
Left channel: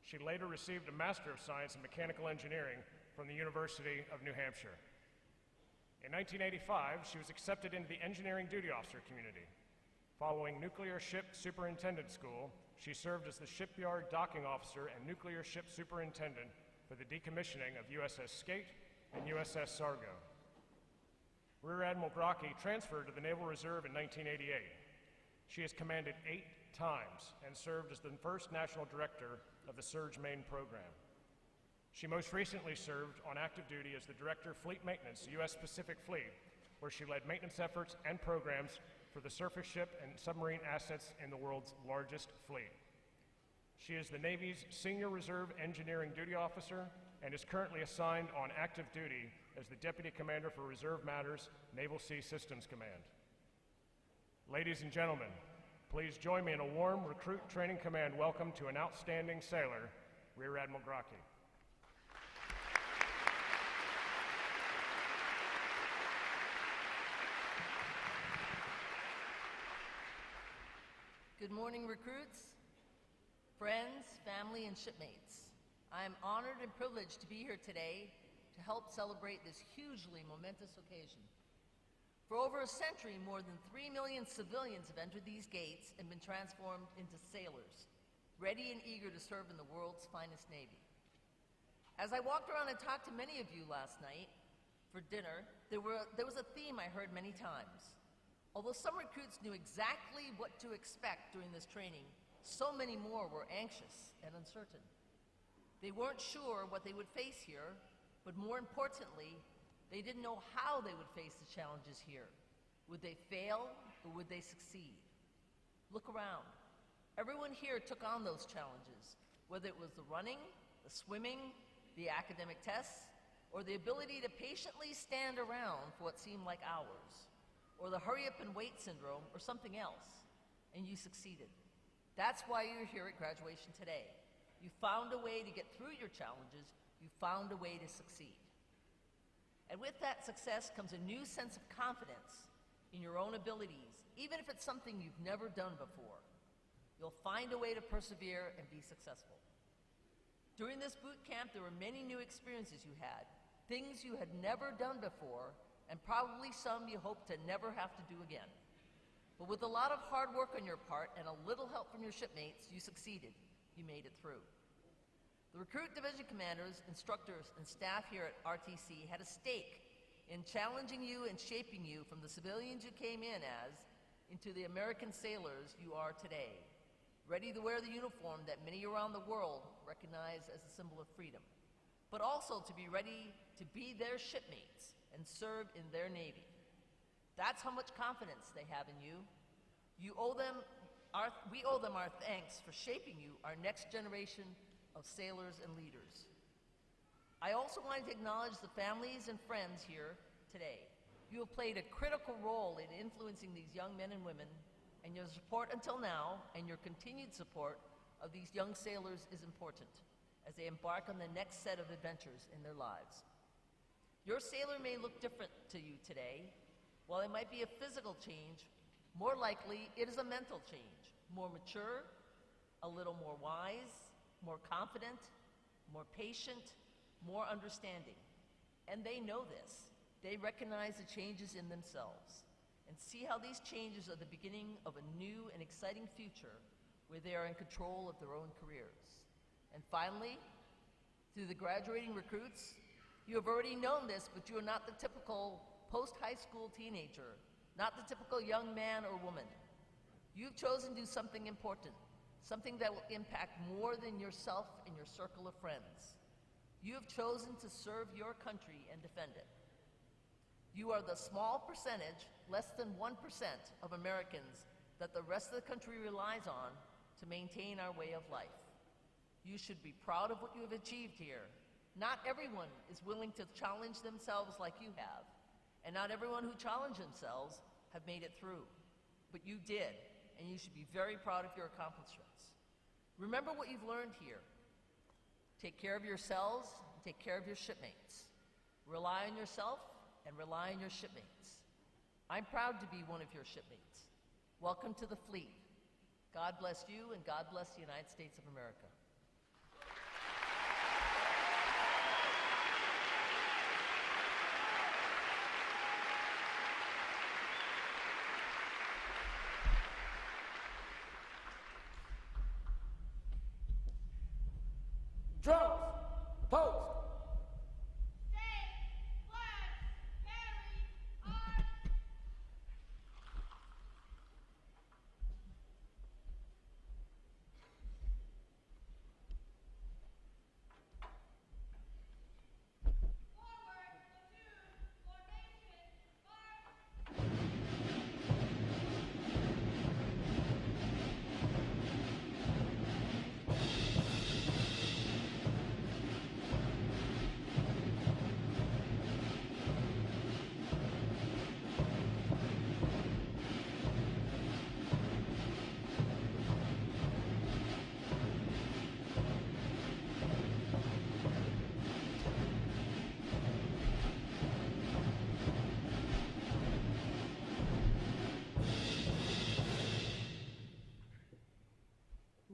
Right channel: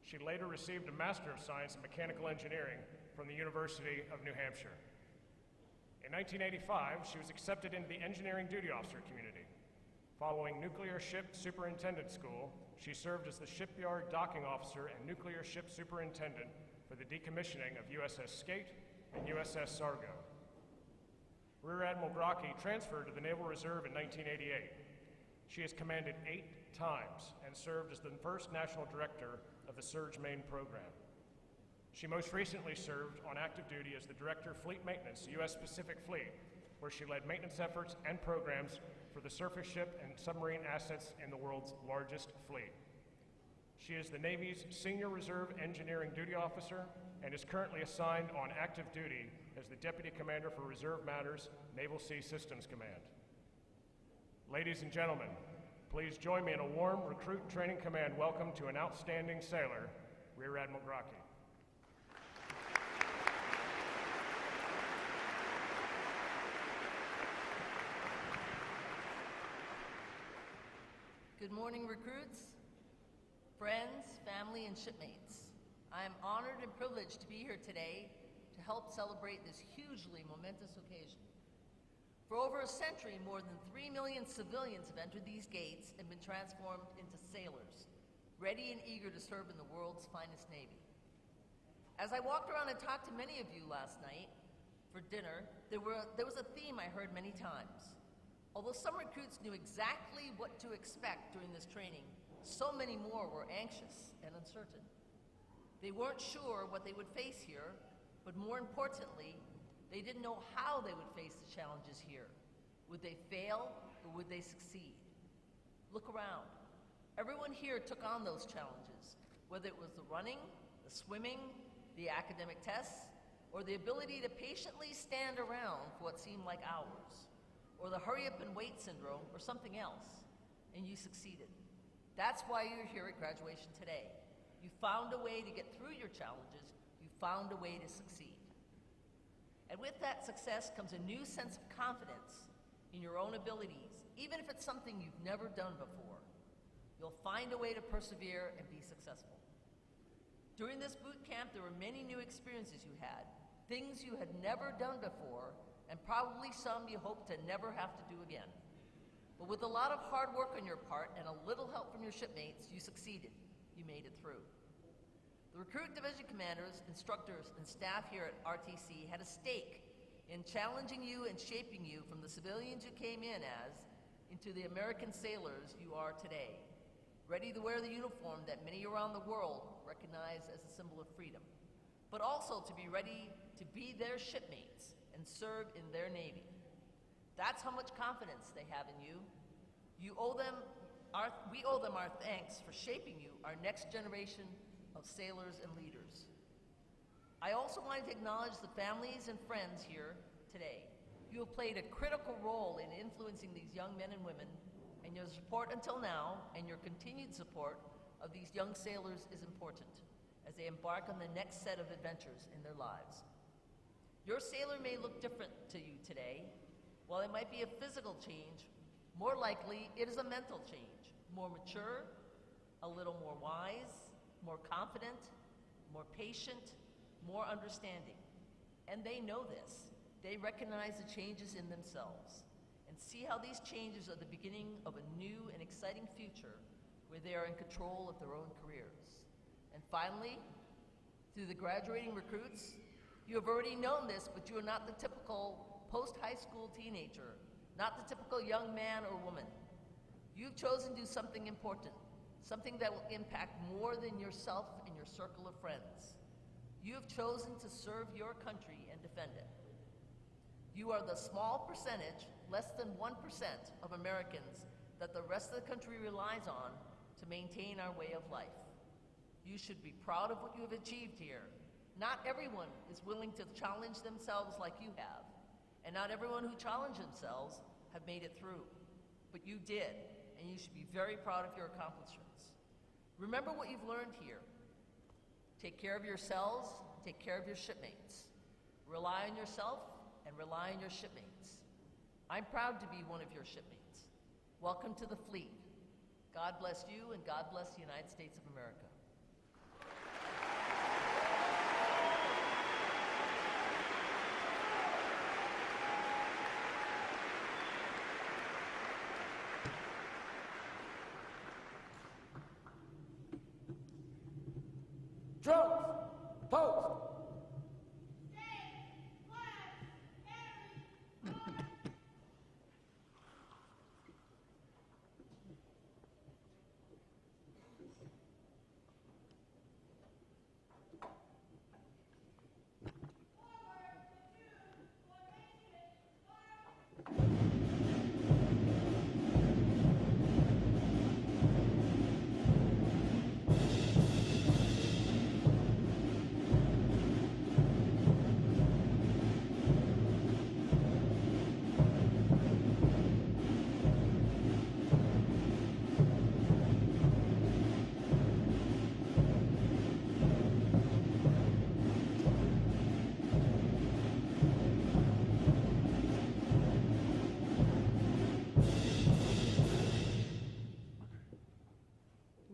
She later received a Master of Science in Mechanical Engineering from the University of New Hampshire. In 1985, she was accepted into the engineering duty officer community. Following Nuclear Ship Superintendent School, she served as the shipyard docking officer and nuclear ship superintendent for the decommissioning of USS Skate and USS Sargo. Rear Admiral Grocki transferred to the Naval Reserve in 1988. She has commanded 8 times and served as the first national director of the Surge Main program. She most recently served on active duty as the Director of Fleet Maintenance, U.S. Pacific Fleet, where she led maintenance efforts and programs for the surface ship and submarine assets in the world's largest fleet. She is the Navy's Senior Reserve Engineering Duty Officer and is currently assigned on active duty as the Deputy Commander for Reserve Matters, Naval Sea Systems Command. Ladies and gentlemen, please join me in a warm Recruit Training Command welcome to an outstanding sailor, Rear Admiral Grocki. Good morning, recruits, friends, family, and shipmates. I am honored and privileged to be here today to help celebrate this hugely momentous occasion. For over a century, more than 3 million civilians have entered these gates and been transformed into sailors, ready and eager to serve in the world's finest Navy. As I walked around and talked to many of you last night for dinner, there was a theme I heard many times. Although some recruits knew exactly what to expect during this training, so many more were anxious and uncertain. They weren't sure what they would face here, but more importantly, they didn't know how they would face the challenges here. Would they fail or would they succeed? Look around. Everyone here took on those challenges, whether it was the running, the swimming, the academic tests, or the ability to patiently stand around for what seemed like hours, or the hurry up and wait syndrome, or something else, and you succeeded. That's why you're here at graduation today. You found a way to get through your challenges. You found a way to succeed. And with that success comes a new sense of confidence in your own abilities, even if it's something you've never done before. You'll find a way to persevere and be successful. During this boot camp, there were many new experiences you had, things you had never done before, and probably some you hope to never have to do again. But with a lot of hard work on your part and a little help from your shipmates, you succeeded. You made it through. The recruit division commanders, instructors, and staff here at RTC had a stake in challenging you and shaping you from the civilians you came in as into the American sailors you are today, ready to wear the uniform that many around the world recognize as a symbol of freedom, but also to be ready to be their shipmates and serve in their Navy. That's how much confidence they have in you. We owe them our thanks for shaping you, our next generation of sailors and leaders. I also wanted to acknowledge the families and friends here today. You have played a critical role in influencing these young men and women, and your support until now and your continued support of these young sailors is important as they embark on the next set of adventures in their lives. Your sailor may look different to you today. While it might be a physical change, more likely it is a mental change, more mature, a little more wise, more confident, more patient, more understanding. And they know this. They recognize the changes in themselves and see how these changes are the beginning of a new and exciting future where they are in control of their own careers. And finally, To the graduating recruits, you have already known this, but you are not the typical post-high school teenager, not the typical young man or woman. You've chosen to do something important, something that will impact more than yourself and your circle of friends. You have chosen to serve your country and defend it. You are the small percentage, less than 1% of Americans that the rest of the country relies on to maintain our way of life. You should be proud of what you have achieved here. Not everyone is willing to challenge themselves like you have, and not everyone who challenged themselves have made it through. But you did, and you should be very proud of your accomplishments. Remember what you've learned here. Take care of yourselves, take care of your shipmates. Rely on yourself and rely on your shipmates. I'm proud to be one of your shipmates. Welcome to the fleet. God bless you, and God bless the United States of America. Drums, post.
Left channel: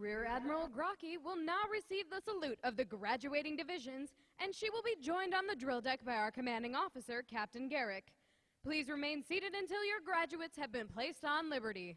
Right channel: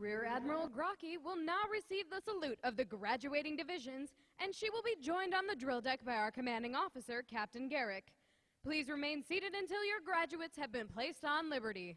Rear Admiral Grocky will now receive the salute of the graduating divisions, and she will be joined on the drill deck by our commanding officer, Captain Garrick. Please remain seated until your graduates have been placed on liberty.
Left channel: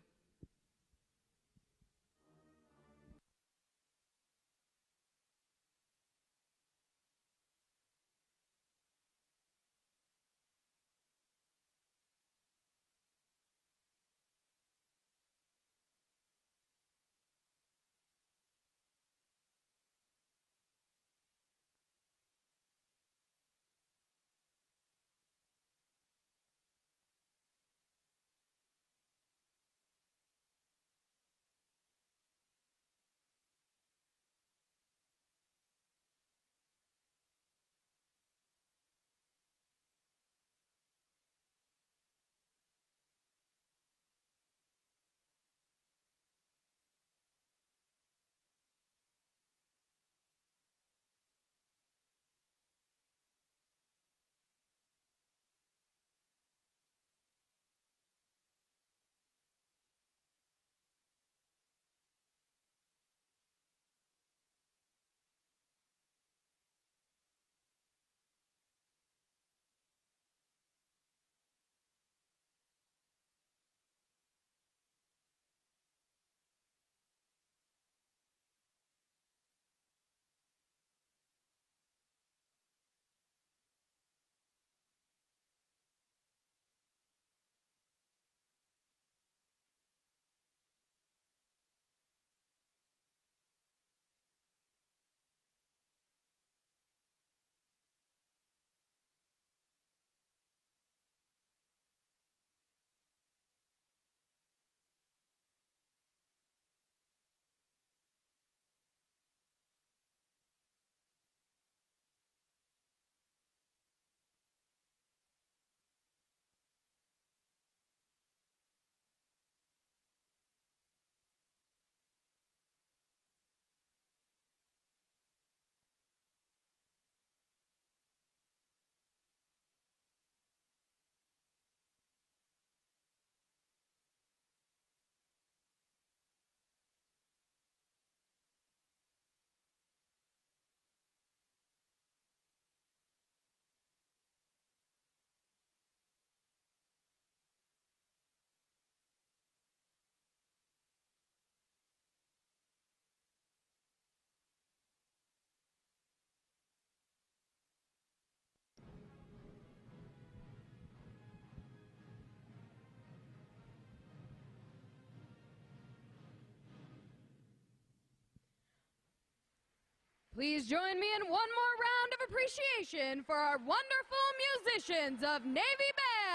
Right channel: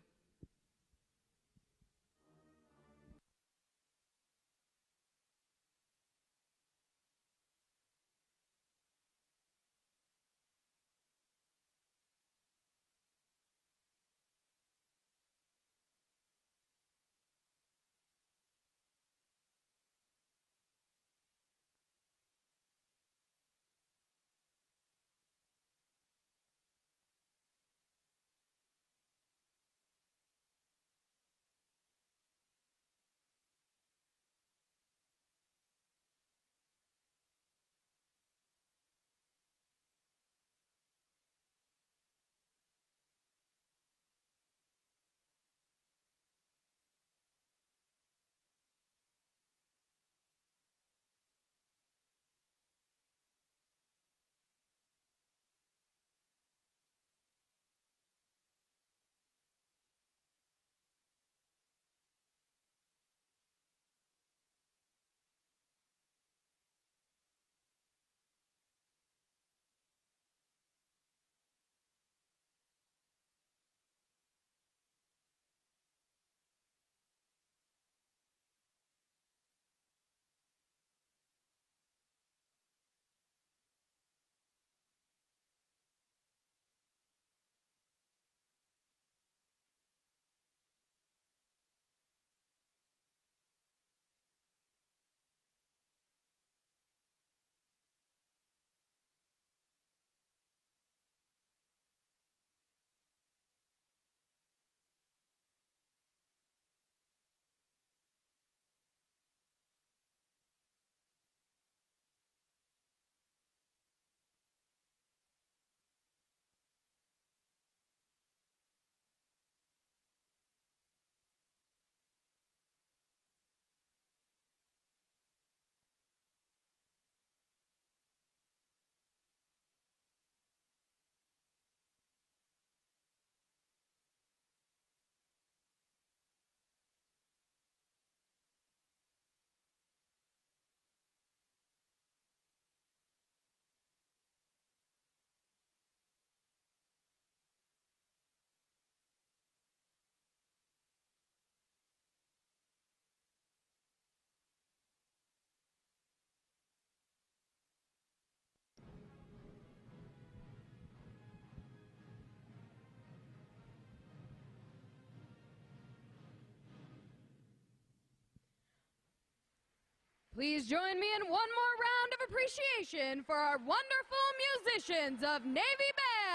Please join me in one more round of appreciation for our wonderful musicians of Navy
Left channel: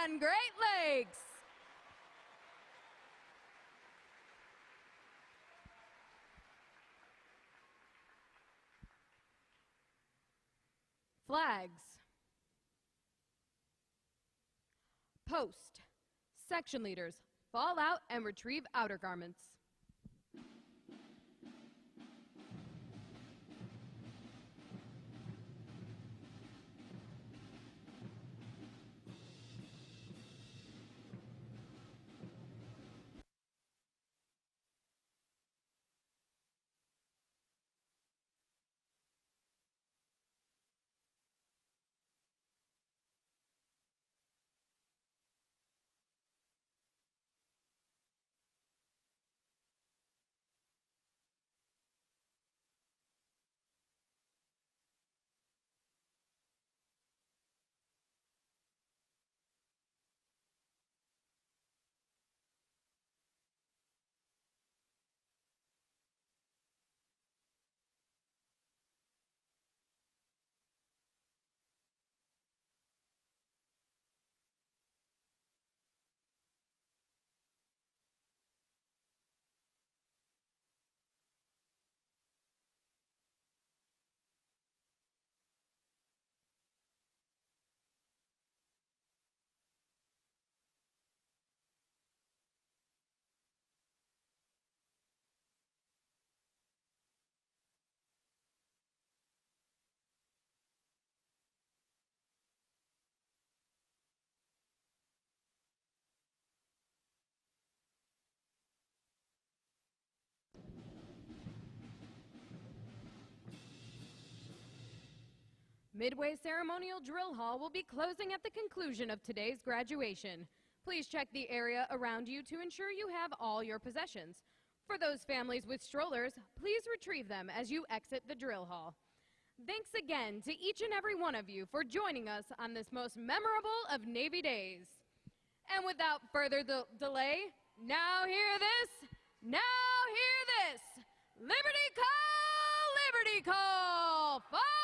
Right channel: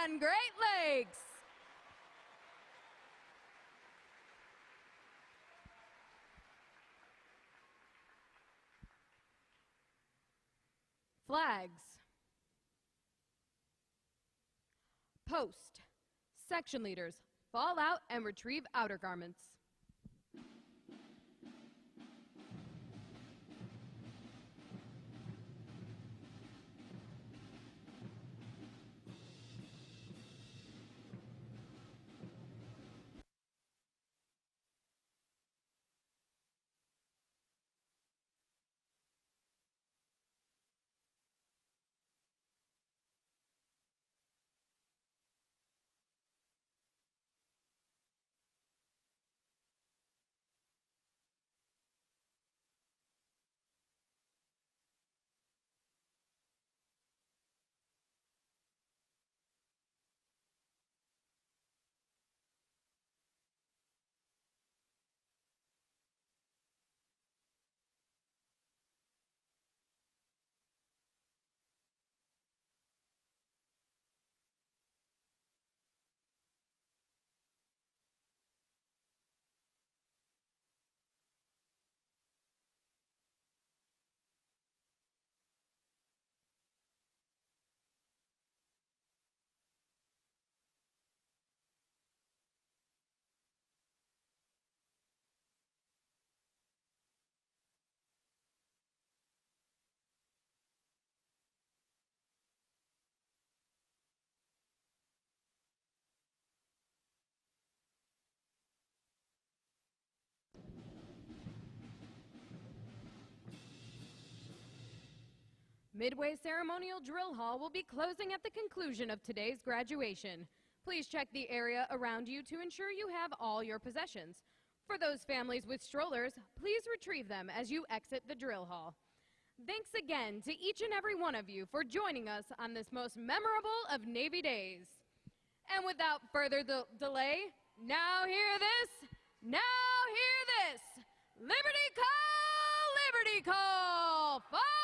Band Great Lakes. Flags. Post. Section leaders, fall out and retrieve outer garments. Midway Ceremonial Drill Hall will be closing at the conclusion of today's graduation. Please check the area around you to ensure you have all your possessions. For those families with strollers, please retrieve them as you exit the drill hall. Thanks again to each and every one of you for joining us on this most memorable of Navy days. And without further delay, now hear this, now hear this. Liberty call, fire!